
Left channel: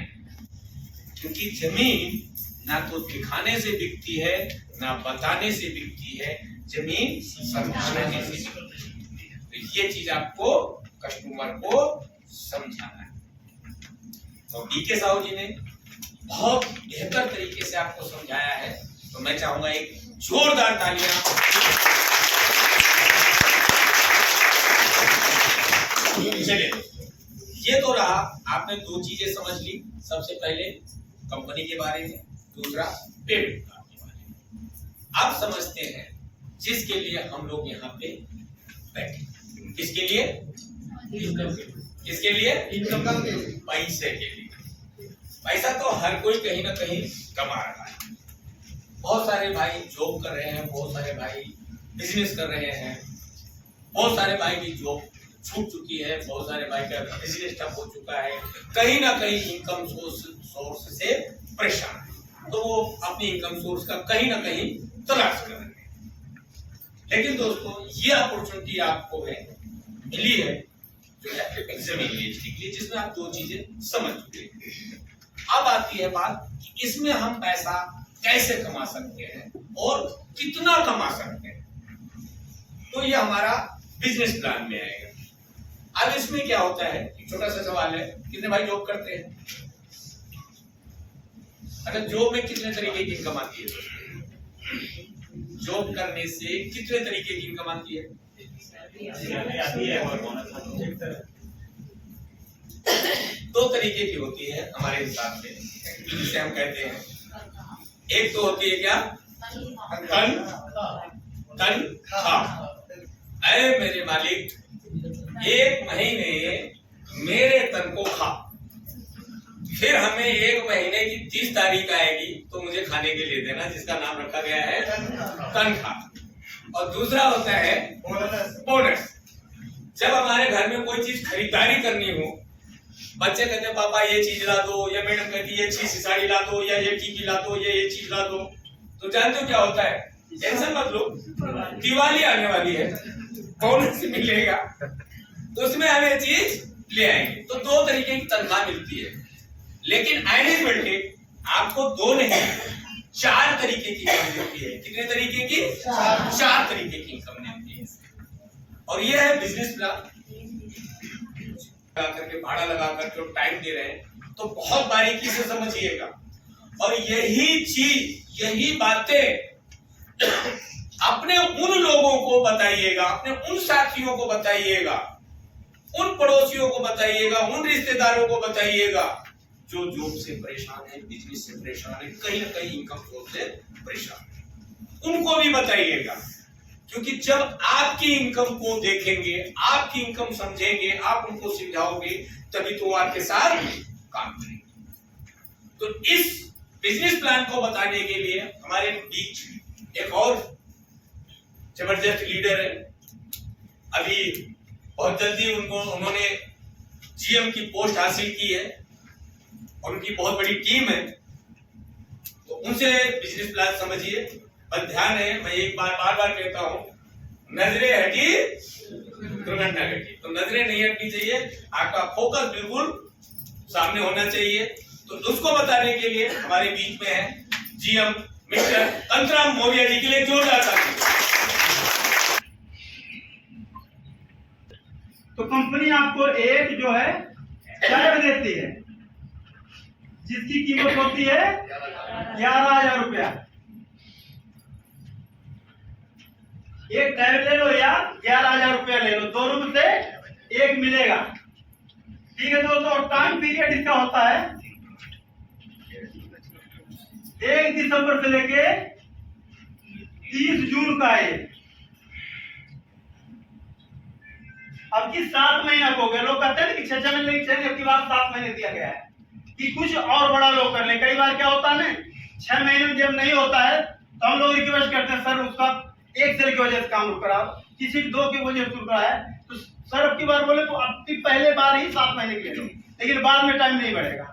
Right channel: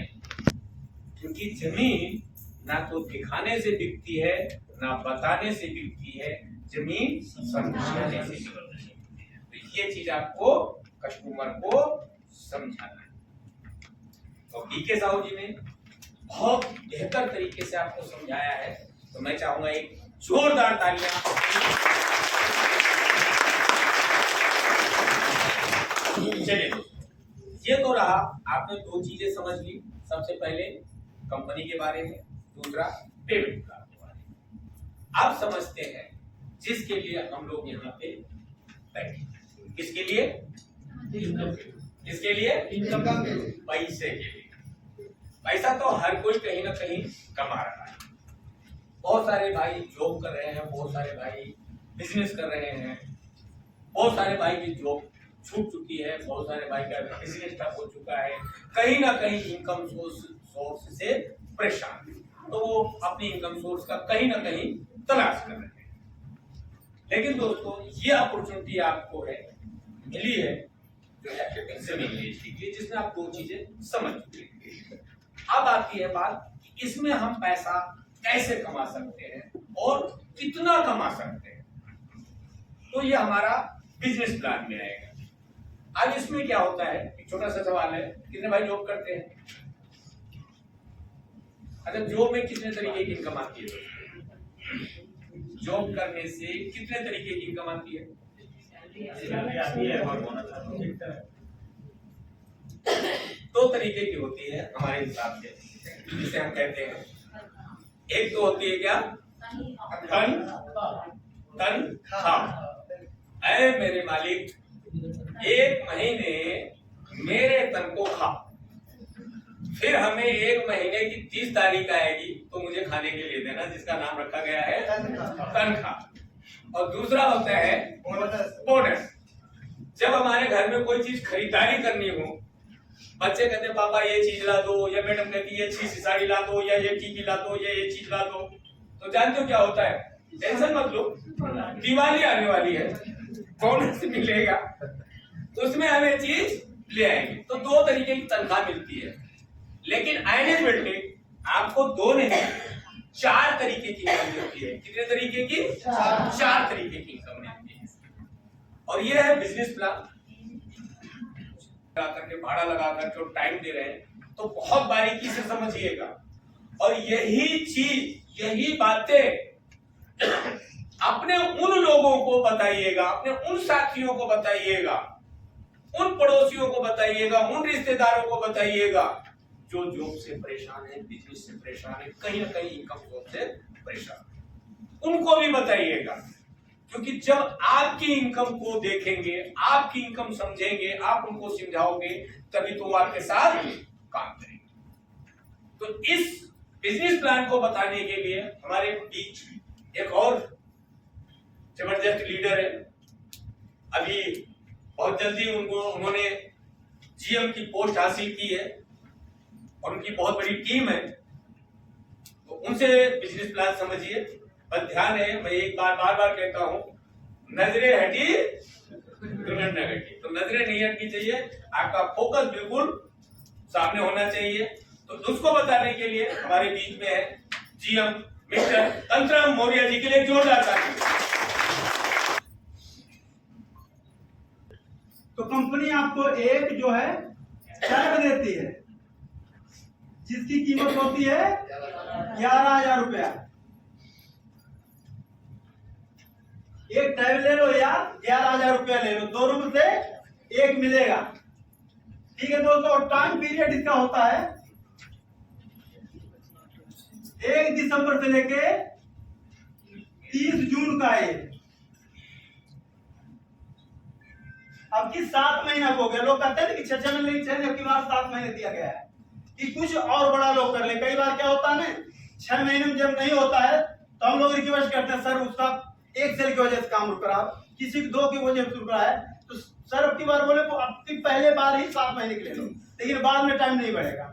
क्योंकि जमीन ना तो दिखाने से बिकती है ना बताने से बिकती है, जमीन समझाने से बिकती है। तो ये चीज आपको कस्टमर को समझाना है। तो बीके साहू जी ने बहुत बेहतर तरीके से आपको समझाया है, तो मैं चाहूंगा एक जोरदार तालियां। चलिए, ये तो रहा, आपने 2 चीजें समझ ली। सबसे पहले कंपनी के बारे में, दूसरा पेमेंट प्लान के बारे में। अब समझते हैं जिसके लिए हम लोग यहाँ पे बैठे, किसके लिए? किसके लिए? पैसे के लिए। पैसा तो हर कोई कहीं ना कहीं कमा रहा है। बहुत सारे भाई जॉब कर रहे हैं, बहुत सारे भाई बिजनेस कर रहे हैं, बहुत सारे भाई की जॉब छूट चुकी है, बहुत सारे भाई का बिजनेस ठप हो चुका है, कहीं ना कहीं इनकम सोर्स से परेशान है, तो वो अपनी इनकम सोर्स का कहीं ना कहीं तलाश कर रहे हैं। लेकिन दोस्तों, ये अपॉर्चुनिटी आपको है, मिली है, जो है जमीन बेचने के लिए, जिसमें आप 2 चीजें समझ चुके हैं। अब आती है बात कि इसमें हम पैसा कैसे कमा सकते हैं और कितना कमा सकते हैं। तो ये हमारा बिजनेस प्लान में आएगा। अब इसमें क्या होता है, एक छोटा सा सवाल है, कितने भाई जॉब करते हैं? अगर जॉब में कितने तरीके की इनकम आती है? जॉब करने से कितने तरीके की इनकम आती है? 2 तरीके की होती है हमारे हिसाब से, जिसे हम कहते हैं, एक तो होती है क्या? तनख्वाह। अरे मेरे मालिक, 1 महीने मेरे तन को खा, फिर हमें 1 महीने की 30 तारीख आएगी तो मुझे खाने के लिए देना, जिसका नाम रखा गया है तनख्वाह। और दूसरा होता है बोनस। जब हमारे घर में कोई चीज खरीदारी करनी हो, बच्चे कहते हैं पापा ये चीज ला दो, या मैडम कहती है ये चीज साड़ी ला दो, या ये टीकी ला दो, या ये चीज ला दो, तो जानते हो क्या होता है? टेंशन मत लो, दिवाली आने वाली है, बोनस मिलेगा, तो उसमें हम ये चीज ले आएंगे। तो 2 तरीके की तनख्वाह मिलती है, लेकिन एनुअल आपको 2 नहीं 4 तरीके की इनकम मिलती है। कितने तरीके की? 4 तरीके की इनकम मिलती है। और ये है बिजनेस प्लान। करके भाड़ा लगाकर जो टाइम दे रहे हैं, तो बहुत बारीकी से समझिएगा और यही चीज, यही बातें अपने उन लोगों को बताइएगा, अपने उन साथियों को बताइएगा, उन पड़ोसियों को बताइएगा, उन रिश्तेदारों को बताइएगा जो जॉब से परेशान है, बिजनेस से परेशान है, कहीं ना कहीं इनकम सोर्स से परेशान है, उनको भी बताइएगा। क्योंकि जब आपकी इनकम को देखेंगे, आपकी इनकम समझेंगे, आप उनको समझाओगे, तभी तो वो आपके साथ काम करेंगे। तो इस बिजनेस प्लान को बताने के लिए हमारे बीच एक और जबरदस्त लीडर है। अभी बहुत जल्दी उन्होंने जीएम की पोस्ट हासिल की है और उनकी बहुत बड़ी टीम है, तो उनसे बिजनेस प्लान समझिए। पर ध्यान है, मैं एक बार बार कहता हूं, नजरें हटी दुर्घटना घटी। तो नजरें नहीं हटनी चाहिए, आपका फोकस बिल्कुल सामने होना चाहिए। तो उसको बताने के लिए हमारे बीच में है जीएम मिस्टर तंत्राम मौर्य जी, के लिए जोरदार ताली। तो कंपनी आपको एक जो है टैग देती है जिसकी कीमत होती है 11,000 रुपया। एक टैग ले लो या 11,000 रुपया ले लो, दोनों में से एक मिलेगा। ठीक है दोस्तों, टाइम पीरियड इसका होता है 1 दिसंबर से लेके 30 जून का है। अब की 7 महीना हो गया, लोग कहते हैं कि 6 महीने की बार 7 महीने दिया गया है कि कुछ और बड़ा लोग कर ले। कई बार क्या होता है ना, 6 महीने में जब नहीं होता है तो हम लोग रिक्वेस्ट करते हैं, सर उसका 1 सेल की वजह से काम रुक रहा है, किसी 2 की वजह से रुक रहा है, तो सर अब की बार बोले तो अब की पहले बार ही 7 महीने के ले लो, लेकिन बाद में टाइम नहीं बढ़ेगा।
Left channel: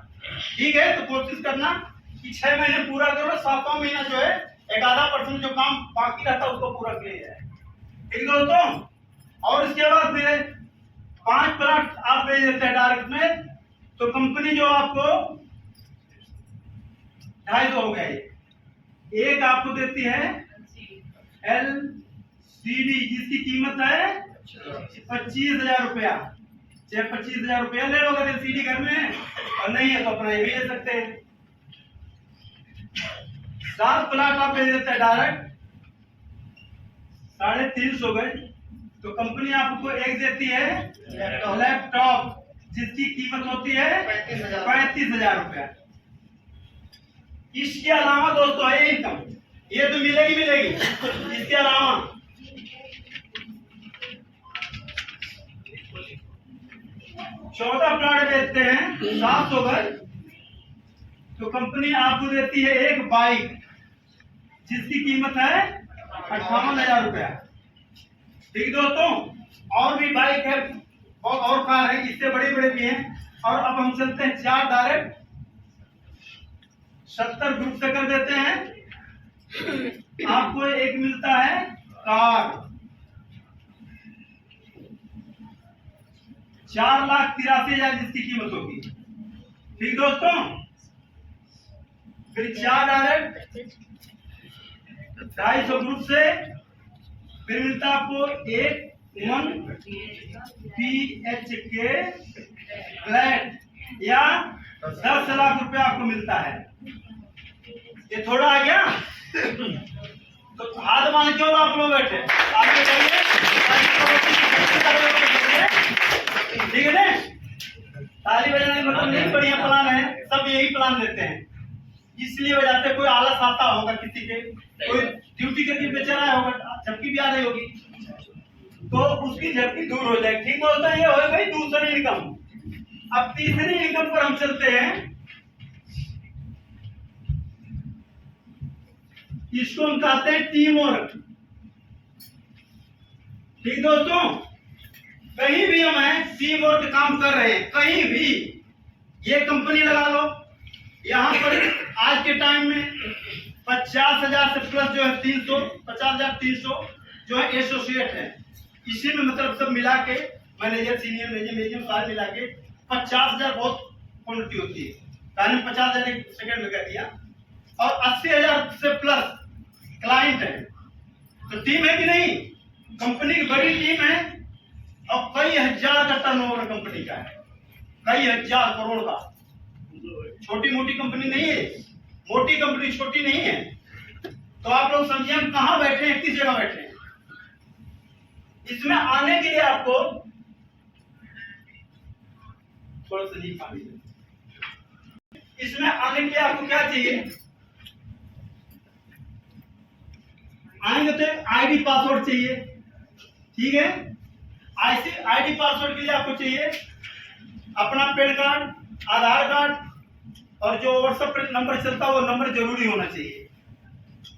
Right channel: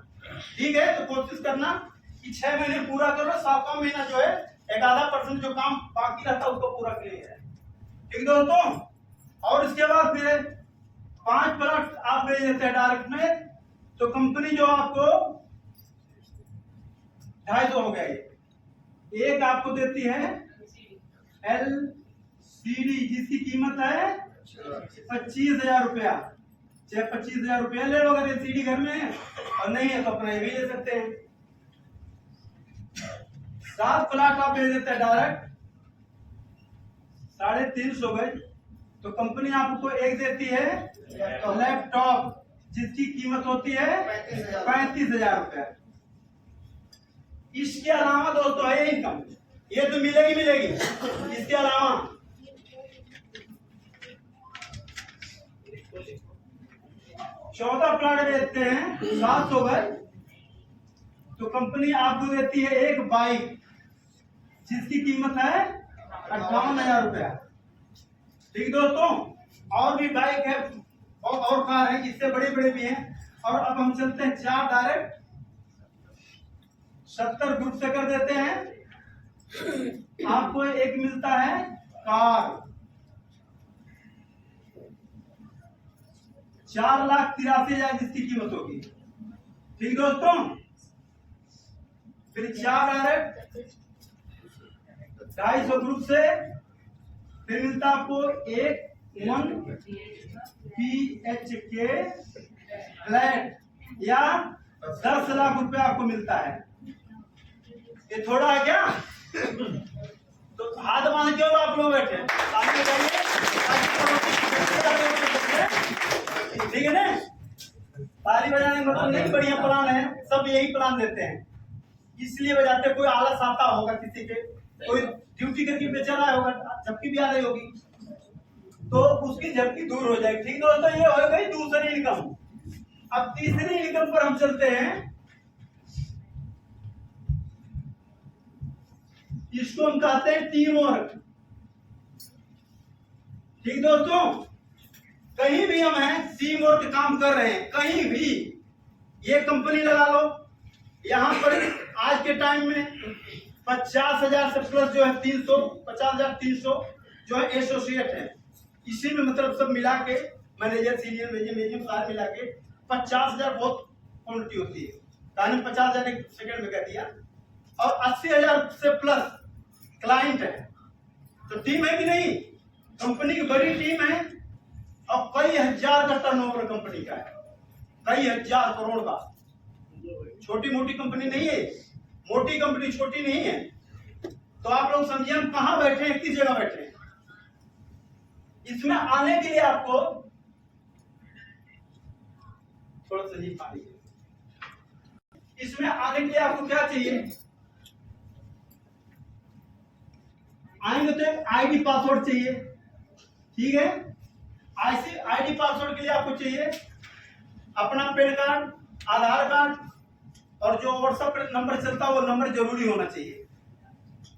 ठीक है, तो कोशिश करना कि 6 महीने पूरा करो, 7वां महीना जो है 11% जो काम बाकी रहता है उसको पूरा किया जाए। ठीक दोस्तों, और इसके बाद फिर 5 प्लॉट आप भेज देते हैं डायरेक्ट में, तो कंपनी जो आपको 250 हो गया। एक आपको देती है LCD जिसकी कीमत है 25,000 रुपया। चाहे 25,000 रुपया ले लोगे LCD घर में, और नहीं है तो अपना ये भी ले सकते हैं। 7 प्लॉट आप भेज देते हैं डायरेक्ट 350 गज, तो कंपनी आपको एक देती है लैपटॉप जिसकी कीमत होती है 35,000 रुपया। इसके अलावा दोस्तों है इनकम, ये तो मिलेगी। इसके अलावा चौथा प्लॉट बेचते हैं 700 गज, तो कंपनी आपको देती है एक बाइक जिसकी कीमत है 58,000 रुपया। ठीक दोस्तों, और भी बाइक है और कार है, इससे बड़े भी हैं। और अब हम चलते हैं 4 डायरेक्ट 70 ग्रुप से कर देते हैं। आपको एक मिलता है कार 4,83,000 जिसकी कीमत होगी। ठीक दोस्तों, फिर 4 डायरेक्ट 250 ग्रुप से फिर मिलता आपको एक 1 BHK फ्लैट या 10 लाख रुपए आपको मिलता है। ये थोड़ा आ गया, तो हाथ मान क्यों आप लोग बैठे, आगे बढ़िए। ठीक है ना, ताली बजाने मतलब नहीं, बढ़िया प्लान है, सब यही प्लान देते हैं, इसलिए बजाते। कोई आलस आता होगा किसी के, कोई ड्यूटी करके बेचा रहा होगा, झपकी भी आ रही होगी, तो उसकी झपकी दूर हो जाएगी। ठीक दोस्तों, ये हो गई दूसरी इनकम। अब तीसरी इनकम पर हम चलते हैं, इसको हम कहते हैं टीम वर्क। ठीक दोस्तों, कहीं भी हम हैं टीम वर्क काम कर रहे हैं, कहीं भी ये कंपनी लगा लो, यहाँ पर आज के टाइम में 50,000 से प्लस जो है 50,300 जो है एसोसिएट है। इसी में मतलब सब मिला के मैनेजर, सीनियर मैनेजर सारे मिला के 50,000 बहुत क्वांटिटी होती है। मैंने 50,000 एक सेकंड में कर दिया, और 80,000 से प्लस क्लाइंट है। तो टीम है कि नहीं, कंपनी की बड़ी टीम है, और कई हजार का टर्नओवर कंपनी का है, कई हजार करोड़ का। छोटी मोटी कंपनी नहीं है, मोटी कंपनी छोटी नहीं है। तो आप लोग समझिए हम कहाँ बैठे हैं, किस जगह बैठे हैं। इसमें आने के लिए आपको थोड़ा सा जी पानी, इसमें आने के लिए आपको क्या चाहिए, आएंगे तो एक आईडी पासवर्ड चाहिए, ठीक है। ऐसे आईडी पासवर्ड के लिए आपको चाहिए अपना पैन कार्ड, आधार कार्ड और जो व्हाट्सएप पर नंबर चलता है वो नंबर जरूरी होना चाहिए,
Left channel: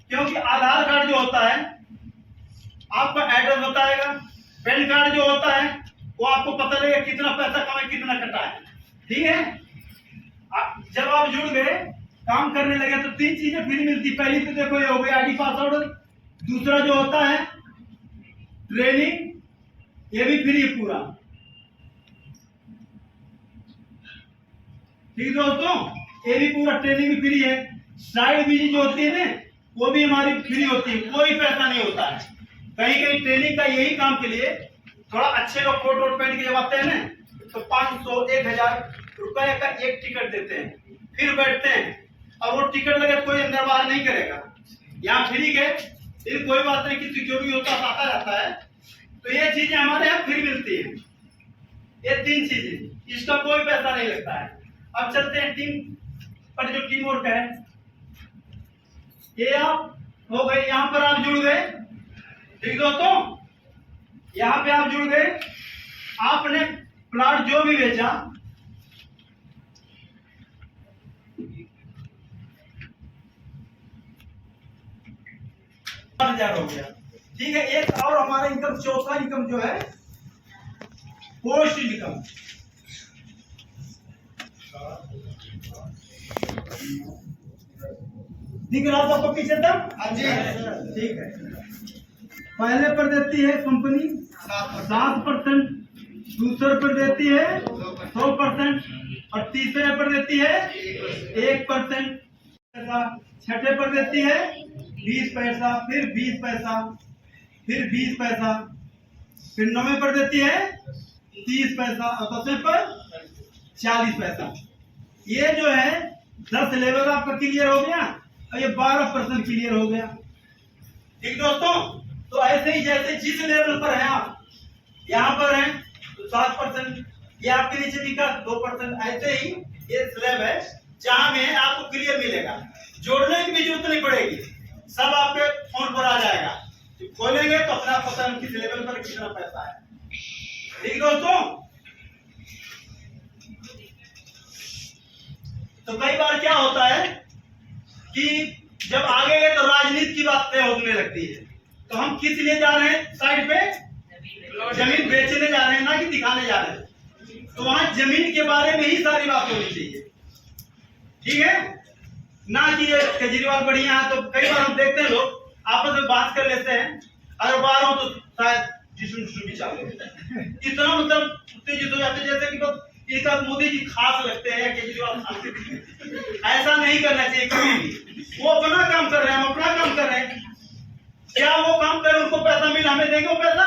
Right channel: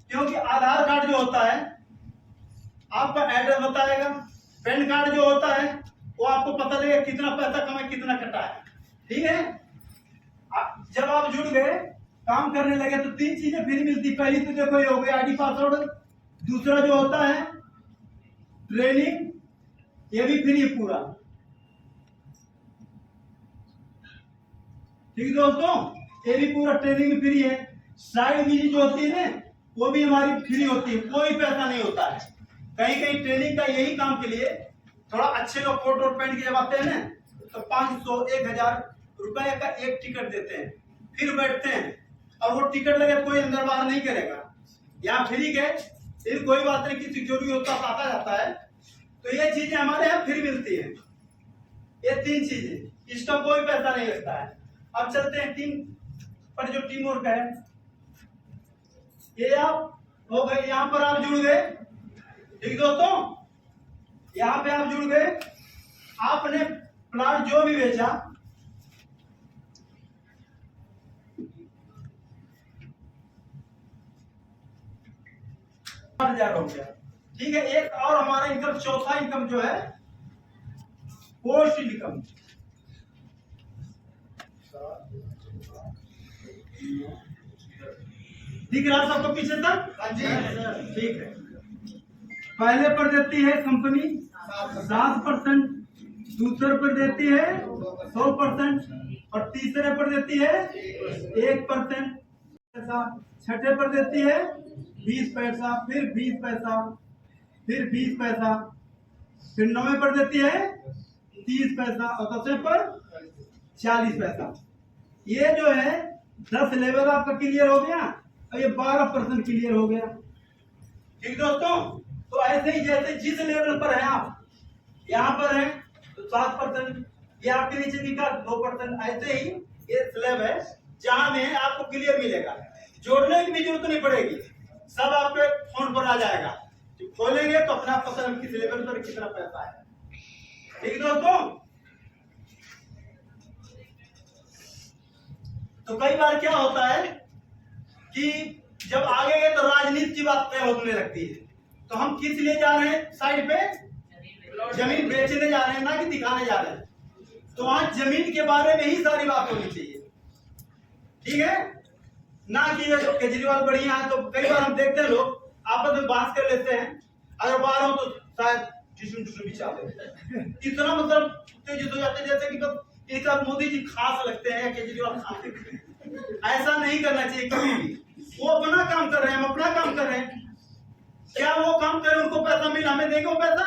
क्योंकि आधार कार्ड जो होता है आपका एड्रेस बताएगा, पैन कार्ड जो होता है वो आपको पता लगेगा कितना पैसा कमाए कितना कटा है, ठीक है। जब आप जुड़ गए काम करने लगे तो 3 चीजें फ्री मिलती। पहली तो देखो ये हो गई आईडी पासवर्ड, दूसरा जो होता है ट्रेनिंग, ये भी फ्री है पूरा, ठीक दोस्तों, ये भी पूरा ट्रेनिंग भी फ्री है। साइड बिजली जो होती है ना वो भी हमारी फ्री होती है, कोई पैसा नहीं होता है। कहीं कहीं ट्रेनिंग का यही काम के लिए थोड़ा अच्छे लोग कोट वोट पहन के जब आते हैं ना तो 500-1000 रुपए का एक टिकट देते हैं, फिर बैठते हैं। अब वो टिकट लगे कोई अंदर बाहर नहीं करेगा, यहाँ फ्री के, लेकिन कोई बात नहीं, किसी जरूरी होता आता जाता है। तो ये चीजें हमारे यहाँ फ्री मिलती है, ये 3 चीजें, इसका कोई पैसा नहीं लगता है। अब चलते हैं टीम पर, जो टीम वर्क है ये आप हो गए, यहाँ पर आप जुड़ गए, ठीक दोस्तों, यहाँ पे आप जुड़ गए, आपने प्लाट जो भी बेचा हो गया, ठीक है। एक और हमारा इनकम, चौथा इनकम जो है पोस्ट इनकम, दिख रहा सबको पीछे तक? हाँ जी, ठीक है। पहले पर देती है कंपनी 7%, दूसरे पर देती है 100% और तीसरे पर देती है 1%, छठे पर देती है 20 पैसा, फिर 20 पैसा, फिर 20 पैसा, फिर 9वें पर देती है 30 पैसा और 10वें पर 40 पैसा। ये जो है 10 लेवल आपका क्लियर हो गया और ये 12% क्लियर हो गया, ठीक दोस्तों। तो ऐसे ही जैसे जिस लेवल पर है आप, यहाँ पर है तो 7%, ये आपके नीचे लिखा 2%, ऐसे ही ये स्लैब है जहां में आपको क्लियर मिलेगा, जोड़ने की भी जरूरत नहीं पड़ेगी, सब आपके फोन पर आ जाएगा। तो खोलेंगे तो अपना पता किस लेवल पर कितना पैसा है, ठीक दोस्तों। तो कई बार क्या होता है कि जब आगे गए तो राजनीति की बात तय होने लगती है, तो हम किस लिए जा रहे हैं, साइड पे जमीन बेचने जा रहे हैं, ना कि दिखाने जा रहे हैं। तो वहां जमीन के बारे में ही सारी बात होनी चाहिए, ठीक है, ना कि केजरीवाल बढ़िया है। तो कई बार हम देखते हैं लोग आपस में बात कर लेते हैं, अगर बाहर हो तो शायद जिसम भी चालू इतना मतलब उत्तेजित हो जाते हैं जैसे कि बस एक आध मोदी जी खास लगते हैं या केजरीवाल खास। ऐसा नहीं करना चाहिए कभी भी। वो अपना काम कर रहे हैं, हम अपना काम कर रहे हैं। क्या वो काम करें उनको पैसा मिला, हमें देंगे वो पैसा?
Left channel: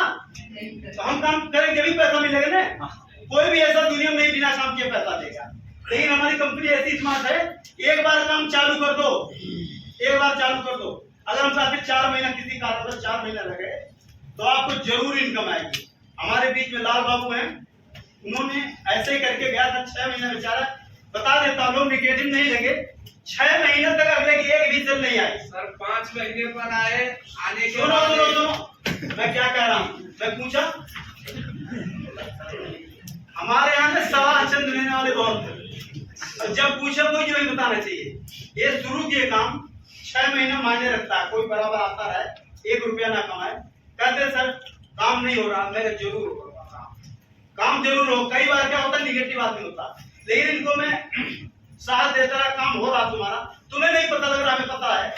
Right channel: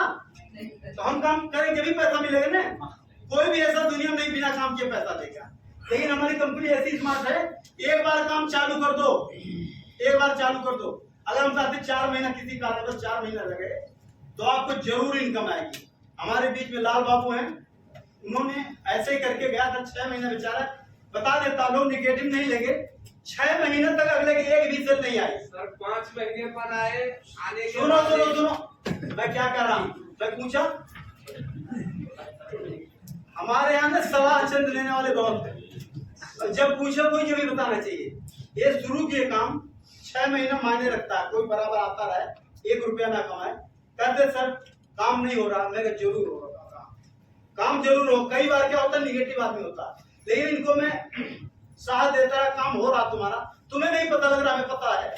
तो हम काम करेंगे भी पैसा मिलेगा ना। कोई भी ऐसा दुनिया में नहीं बिना काम किए पैसा देगा। लेकिन हमारी कंपनी ऐसी स्मार्ट है, एक बार काम चालू कर दो, एक बार चालू कर दो, अगर हम चाहते 4 महीना किसी कारणवश 4 महीना लगे तो आपको जरूर इनकम आएगी। हमारे बीच में लाल बाबू हैं, उन्होंने ऐसे ही करके गया था, 6 महीना बेचारा, बता देता लोग निगेटिव नहीं लगे, 6 महीने तक अगले की एक भी सेल नहीं आई। सर 5 महीने पर आए, आने के सुनो सुनो सुनो, मैं क्या कह रहा हूँ, मैं पूछा, हमारे यहाँ से सवा चंद लेने वाले बहुत हैं, और जब पूछा कोई जो भी बताना चाहिए। ये शुरू किए काम 6 महीना मायने रखता है, कोई बराबर आता रहे 1 रुपया ना कमाए, कहते सर काम नहीं हो रहा, मैं जरूर हो रहा, काम जरूर हो। कई बार क्या होता है निगेटिव आदमी होता, लेकिन इनको मैं साथ देता रहा, काम हो रहा तुम्हारा, तुम्हें नहीं पता लग रहा, हमें पता है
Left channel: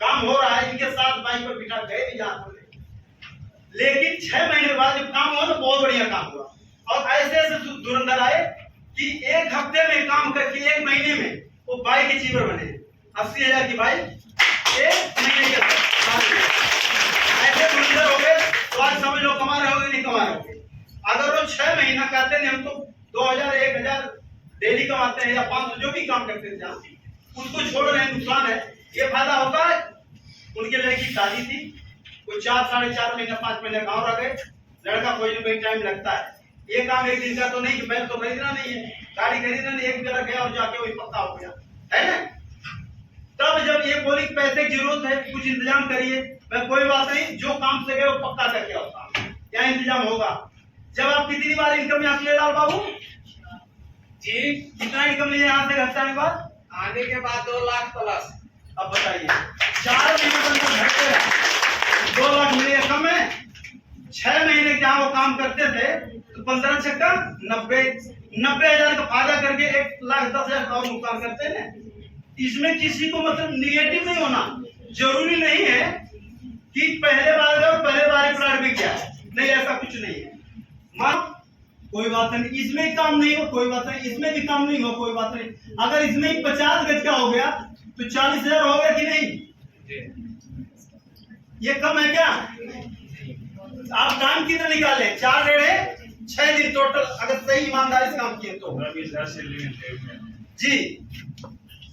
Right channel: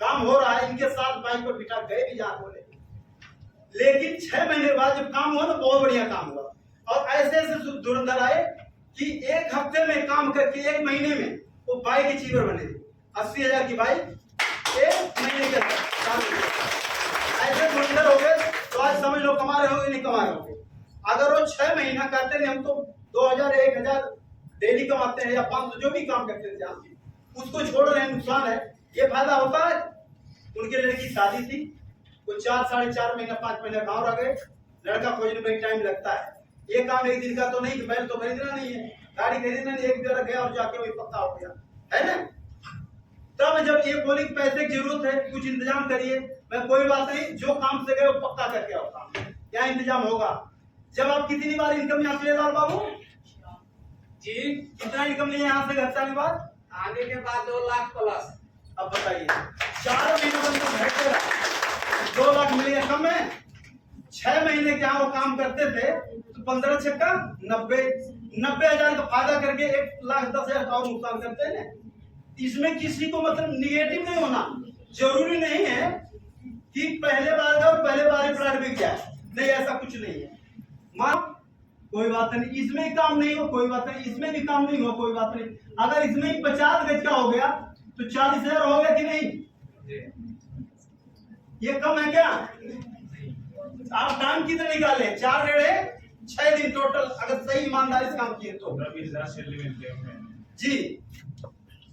काम हो रहा है। इनके साथ बाइक पर बिठा गए भी जहाँ बोले, लेकिन 6 महीने बाद जब काम हुआ ना बहुत बढ़िया काम हुआ। और ऐसे ऐसे धुरंधर आए कि 1 हफ्ते में काम करके 1 महीने में वो बाइक अचीवर बने, 80,000 की बाइक 1 महीने के अंदर। ऐसे धुरंधर हो गए तो आज समझ लो कमा रहे होगे नहीं कमा रहे होगे। अगर वो 6 महीना कहते नहीं हम तो 2000 1000 डेली कमाते हैं या 500 जो भी काम करते थे जहाँ, उसको छोड़ रहे हैं, नुकसान है। ये फायदा होता है। उनके लड़की की शादी थी, कोई 4 साढ़े 4 महीना 5 महीना गाँव रह गए। लड़का खोजने में टाइम लगता है। ये काम एक दिन का तो नहीं कि बैल तो खरीदना नहीं है, गाड़ी खरीदना नहीं, एक जगह गया और जाके वही पक्का हो गया, है ना। तब जब ये बोली कि पैसे की जरूरत है, कुछ इंतजाम करिए, मैं कोई बात नहीं, जो काम से गए वो पक्का करके आओ, काम क्या इंतजाम होगा। जब आप कितनी बार इनकम यहाँ से ले लाल बाबू जी, कितना इनकम लिए यहाँ से घर जाने के बाद? आने के बाद 2 लाख प्लस। अब बताइए 4 महीने में घर पे 2 लाख मिले कम है। 6 महीने क्या वो काम करते थे तो 15 छक्का 90,000 का फायदा करके 1,10,000 और नुकसान करते हैं। इसमें किसी को मतलब निगेटिव नहीं होना, जरूरी नहीं है कि पहले बार ही प्लाट बिक गया, नहीं ऐसा कुछ नहीं है। मां कोई बात नहीं, इसमें काम नहीं हो कोई बात नहीं, इसमें भी काम नहीं हो कोई बात नहीं। अगर इसमें 50 गज का हो गया तो 40,000 हो गया कि नहीं? ये कम है क्या? आप टाइम कितना निकाले? 4 डेढ़े 6 दिन टोटल, अगर सही ईमानदारी से काम किए तो जी।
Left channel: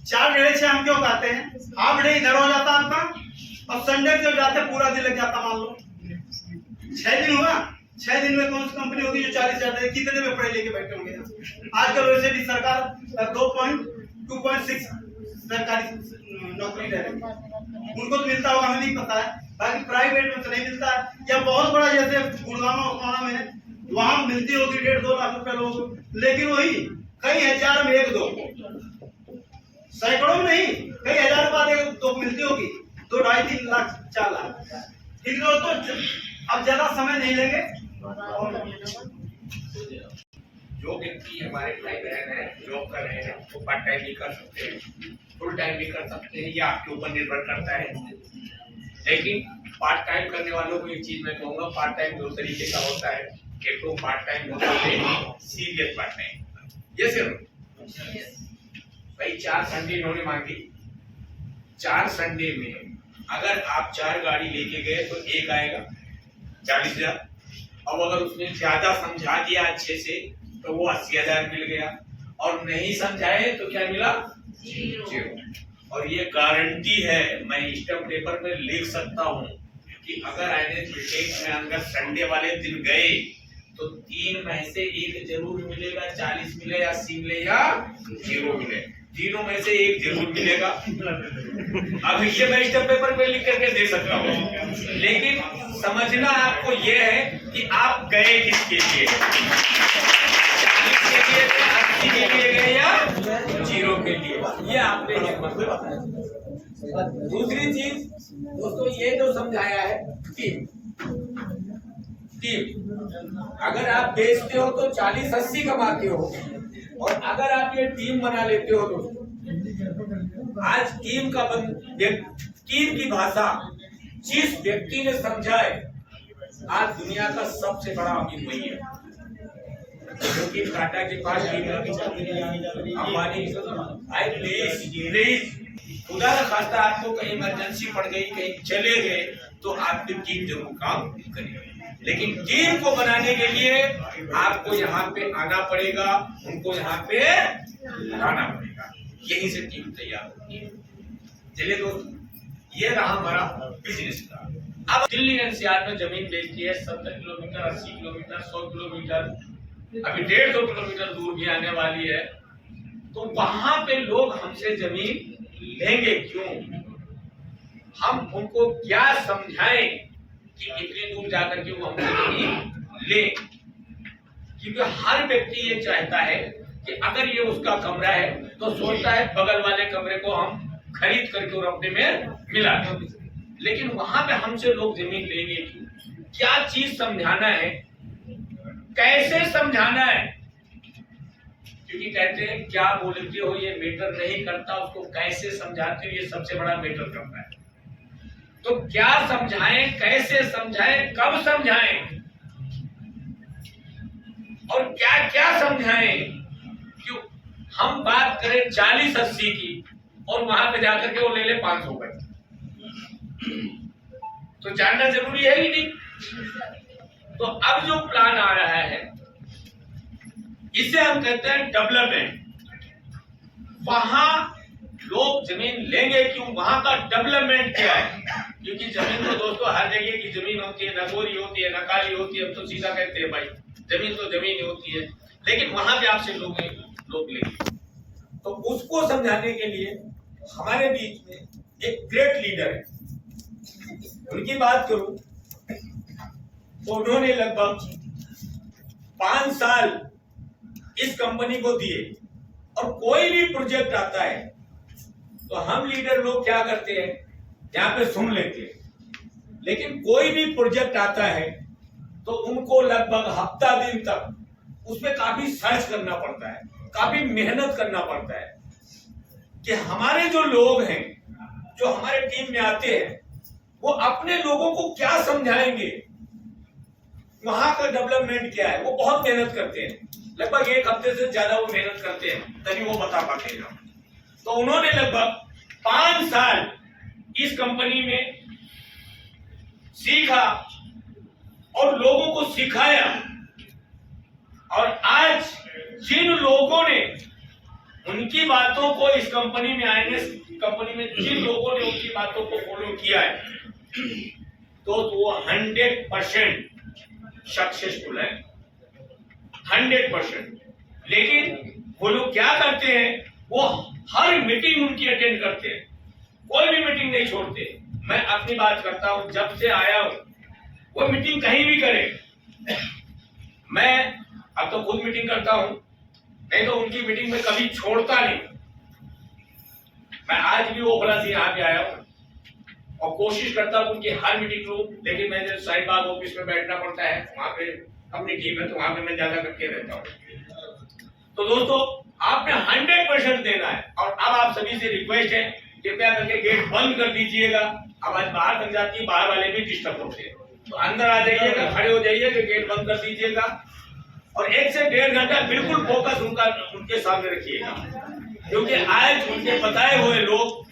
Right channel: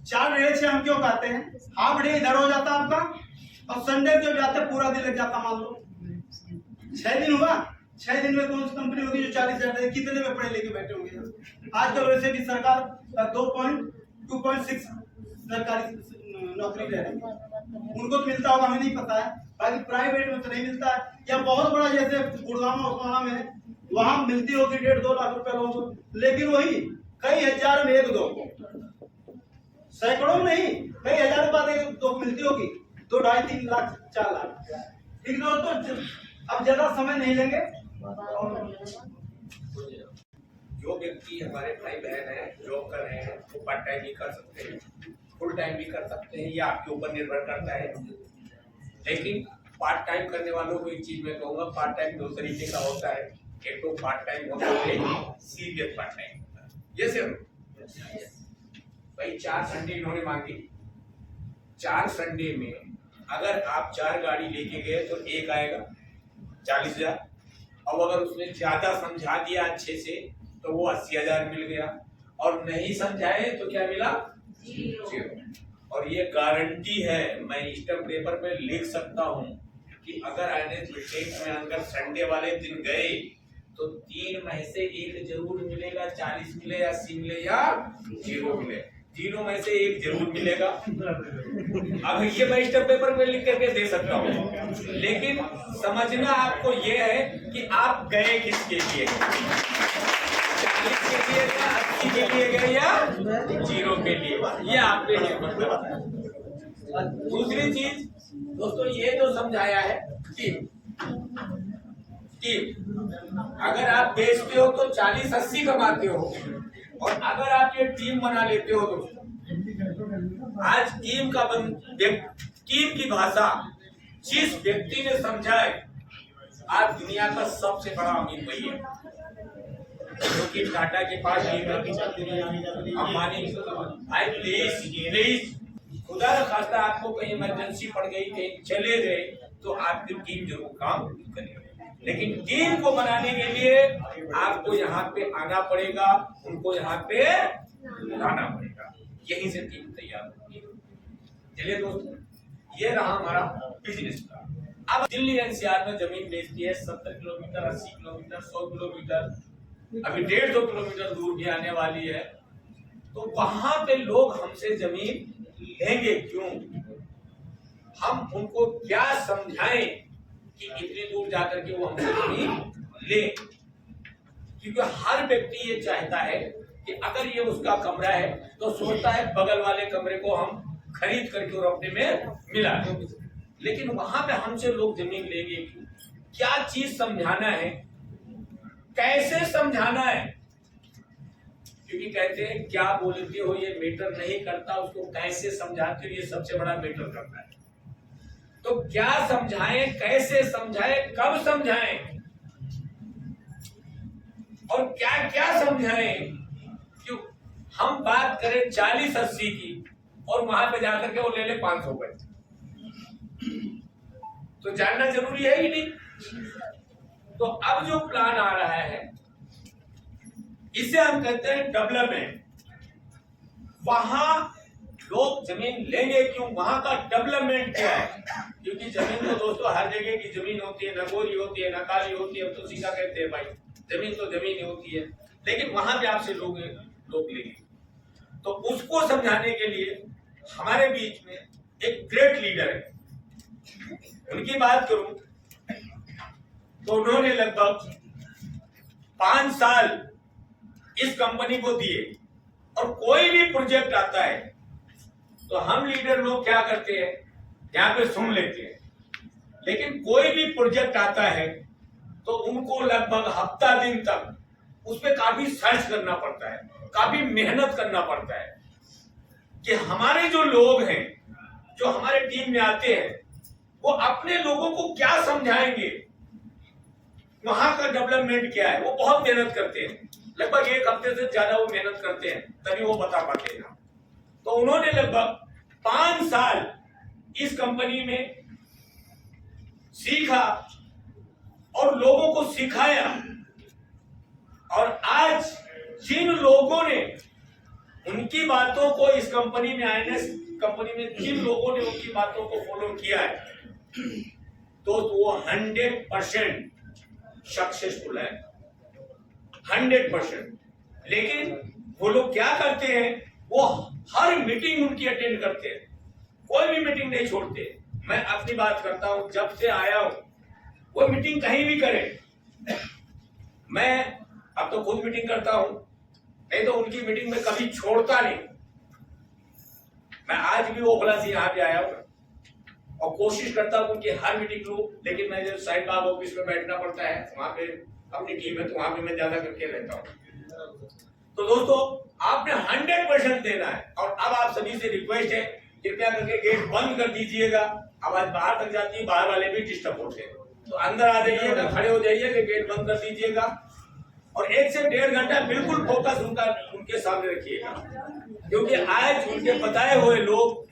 4 डेढ़े 6 हम क्यों कहते हैं? हाफ डे इधर हो जाता आपका और संडे जो जाते पूरा दिन लग जाता। मान लो 6 दिन हुआ, 6 दिन में कौन सी कंपनी होगी जो 40,000 कितने में पढ़े लेके बैठे होंगे? आजकल वैसे भी सरकार 2.6 सरकारी नौकरी दे रही है, उनको तो मिलता होगा, हमें नहीं पता है। बाकी प्राइवेट में तो नहीं मिलता है, या बहुत बड़ा जैसे गुड़गांव उस्माना में है, वहां मिलती होगी 1.5-2 लाख रुपए लोगों को, लेकिन वही कई हजार में 1-2, सैकड़ों में नहीं, कई हजार रुपए तो मिलती होगी, 2, 2.5, 3 लाख 4 लाख। ठीक दोस्तों, अब ज्यादा समय नहीं लेंगे। जो व्यक्ति हमारे भाई बहन है जॉब कर रहे हैं वो पार्ट टाइम भी कर सकते हैं, फुल टाइम भी कर सकते हैं, ये आपके ऊपर निर्भर करता है। लेकिन पार्ट टाइम करने वालों को एक चीज मैं कहूँगा, पार्ट टाइम 2 तरीके का होता है। एक तो पार्ट टाइम होता है सीरियस पार्ट टाइम, ये सिर्फ भाई 4 संडे इन्होंने मांगी, 4 संडे में अगर आप 4 गाड़ी लेके गए तो एक आएगा 40,000। अब अगर उसने ज्यादा समझा दिया अच्छे से तो वो 80,000 मिल गया, और नहीं समझाए तो क्या मिला? 0। और ये गारंटी है, मैं स्टैम्प पेपर में लिख सकता हूँ कि अगर एनएच में अंदर संडे वाले दिन गए तो 3 में से एक जरूर मिलेगा, 40 मिले या 80 मिले या 0 मिले, तीनों में से एक जरूर मिलेगा। अब ये मैं स्टैम्प पेपर में लिख करके दे सकता हूँ, लेकिन समझना आपको ये है कि आप गए किसके लिए, 40 के लिए, 80 के लिए गए या 0 के लिए, ये आपने बताया। दूसरी चीज दोस्तों, ये जो समझाया है टीम, अगर आप बेचते हो तो 40-80 कमाते हो, और अगर आप ये टीम बना लेते हो दोस्तों, आज टीम की भाषा जिस व्यक्ति ने समझाए, आज दुनिया का सबसे बड़ा अमीर वही है, क्योंकि टाटा के पास अंबानी भाई प्लीज खुदा का खास्ता आपको कहीं इमरजेंसी पड़ गई, कहीं चले गए तो आपकी टीम जरूर काम करेगी। लेकिन टीम को बनाने के लिए आपको यहाँ पे आना पड़ेगा, उनको यहाँ पे लाना पड़ेगा, यहीं से टीम तैयार होगी। चलिए दोस्तों, ये रहा हमारा बिजनेस का। अब दिल्ली एनसीआर में जमीन बेचती है 70 किलोमीटर, 80 किलोमीटर, 100 किलोमीटर, अभी 150 किलोमीटर दूर भी आने वाली है, तो वहां पे लोग हमसे जमीन लेंगे क्यों? हम उनको क्या समझाएं कि इतनी दूर जाकर के वो हमसे जमीन ले? क्योंकि हर व्यक्ति ये चाहता है कि अगर ये उसका कमरा है तो सोचता है बगल वाले कमरे को हम खरीद करके और अपने में मिला दें, लेकिन वहां पे हमसे लोग जमीन लेंगे क्यों? क्या चीज समझाना है, कैसे समझाना है? क्योंकि कहते हैं क्या बोलते हो ये मैटर नहीं करता, उसको कैसे समझाते हो ये सबसे बड़ा मैटर करता है। तो क्या समझाएं, कैसे समझाएं, कब समझाएं और क्या क्या समझाएं? क्यों हम बात करें 40-80 की और वहां पे जाकर के वो ले ले 500 रुपए, तो जानना जरूरी है कि नहीं? तो अब जो प्लान आ रहा है इसे हम कहते हैं डेवलपमेंट। वहां लोग जमीन लेंगे क्यों, वहां का डेवलपमेंट क्या है? क्योंकि जमीन तो दोस्तों हर जगह की जमीन होती है, न गोरी होती है, न काली होती है, हम तो सीधा कहते हैं भाई जमीन तो जमीन होती है, लेकिन वहां पे आपसे लोग लेंगे। तो उसको समझाने के लिए हमारे बीच में एक ग्रेट लीडर है, उनकी बात करूं तो उन्होंने लगभग 5 साल इस कंपनी को दिए, और कोई भी प्रोजेक्ट आता है तो हम लीडर लोग क्या करते हैं, यहाँ पे सुन लेते हैं, लेकिन कोई भी प्रोजेक्ट आता है तो उनको लगभग हफ्ता दिन तक उस पर काफी सर्च करना पड़ता है, काफी मेहनत करना पड़ता है कि हमारे जो लोग हैं, जो हमारे टीम में आते हैं, वो अपने लोगों को क्या समझाएंगे, वहां का डेवलपमेंट क्या है। वो बहुत मेहनत करते हैं, लगभग 1 हफ्ते से ज्यादा वो मेहनत करते हैं, तभी वो बता पाते हैं। तो उन्होंने लगभग 5 साल इस कंपनी में सीखा और लोगों को सिखाया, और आज जिन लोगों ने उनकी बातों को इस कंपनी में आईएनएस कंपनी में जिन लोगों ने उनकी बातों को फॉलो किया है, तो वो 100% सक्सेसफुल है, 100%। लेकिन वो लोग क्या करते हैं, वो हर मीटिंग उनकी अटेंड करते हैं, कोई भी मीटिंग नहीं छोड़ते। मैं अपनी बात करता हूं, जब से आया हूं वो मीटिंग कहीं भी करे, मैं अब तो खुद मीटिंग करता हूं, नहीं तो उनकी मीटिंग में कभी छोड़ता नहीं। मैं आज भी वो खुला से यहाँ पे आया हूं और कोशिश करता हूं उनकी हर मीटिंग लूं, लेकिन मैं जब साइड बाग ऑफिस में बैठना पड़ता है, वहां पे अपनी टीम है तो वहां पे मैं ज्यादा करके रहता हूं। तो दोस्तों आपने 100% देना है, और अब आप सभी से रिक्वेस्ट है, कृपया करके गेट बंद कर दीजिएगा। आवाज बाहर तक जाती है, बाहर वाले भी डिस्टर्ब होते हैं, तो अंदर आ जाइएगा, खड़े हो जाइएगा, गेट बंद कर दीजिएगा, और 1 से 1.5 घंटा बिल्कुल फोकस उनके सामने रखिएगा, क्योंकि आज उनके बताए हुए लोग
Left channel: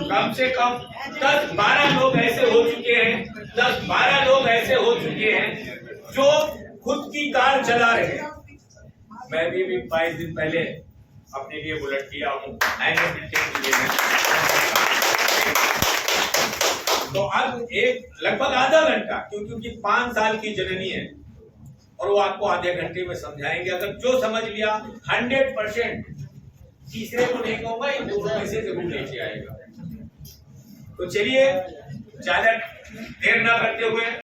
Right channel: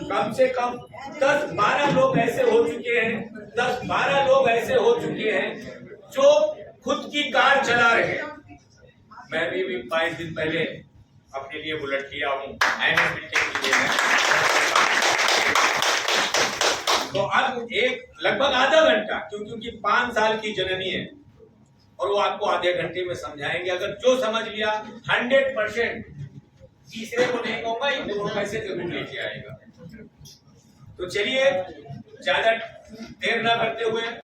कम से कम 10-12 लोग ऐसे हो चुके हैं, 10-12 लोग ऐसे हो चुके हैं जो खुद की कार चला रहे हैं। मैं भी 22 दिन पहले अपने लिए बुलेट किया हूँ, तो अब एक लगभग आधा घंटा, क्योंकि 5 साल की जननी है, और वो आपको आधे घंटे में समझाएंगे। अगर जो समझ लिया 100%, तीसरे को नहीं कहूंगा, ये 2 पैसे जरूर लेके आएगा। तो चलिए ज्यादा देर ना करते हुए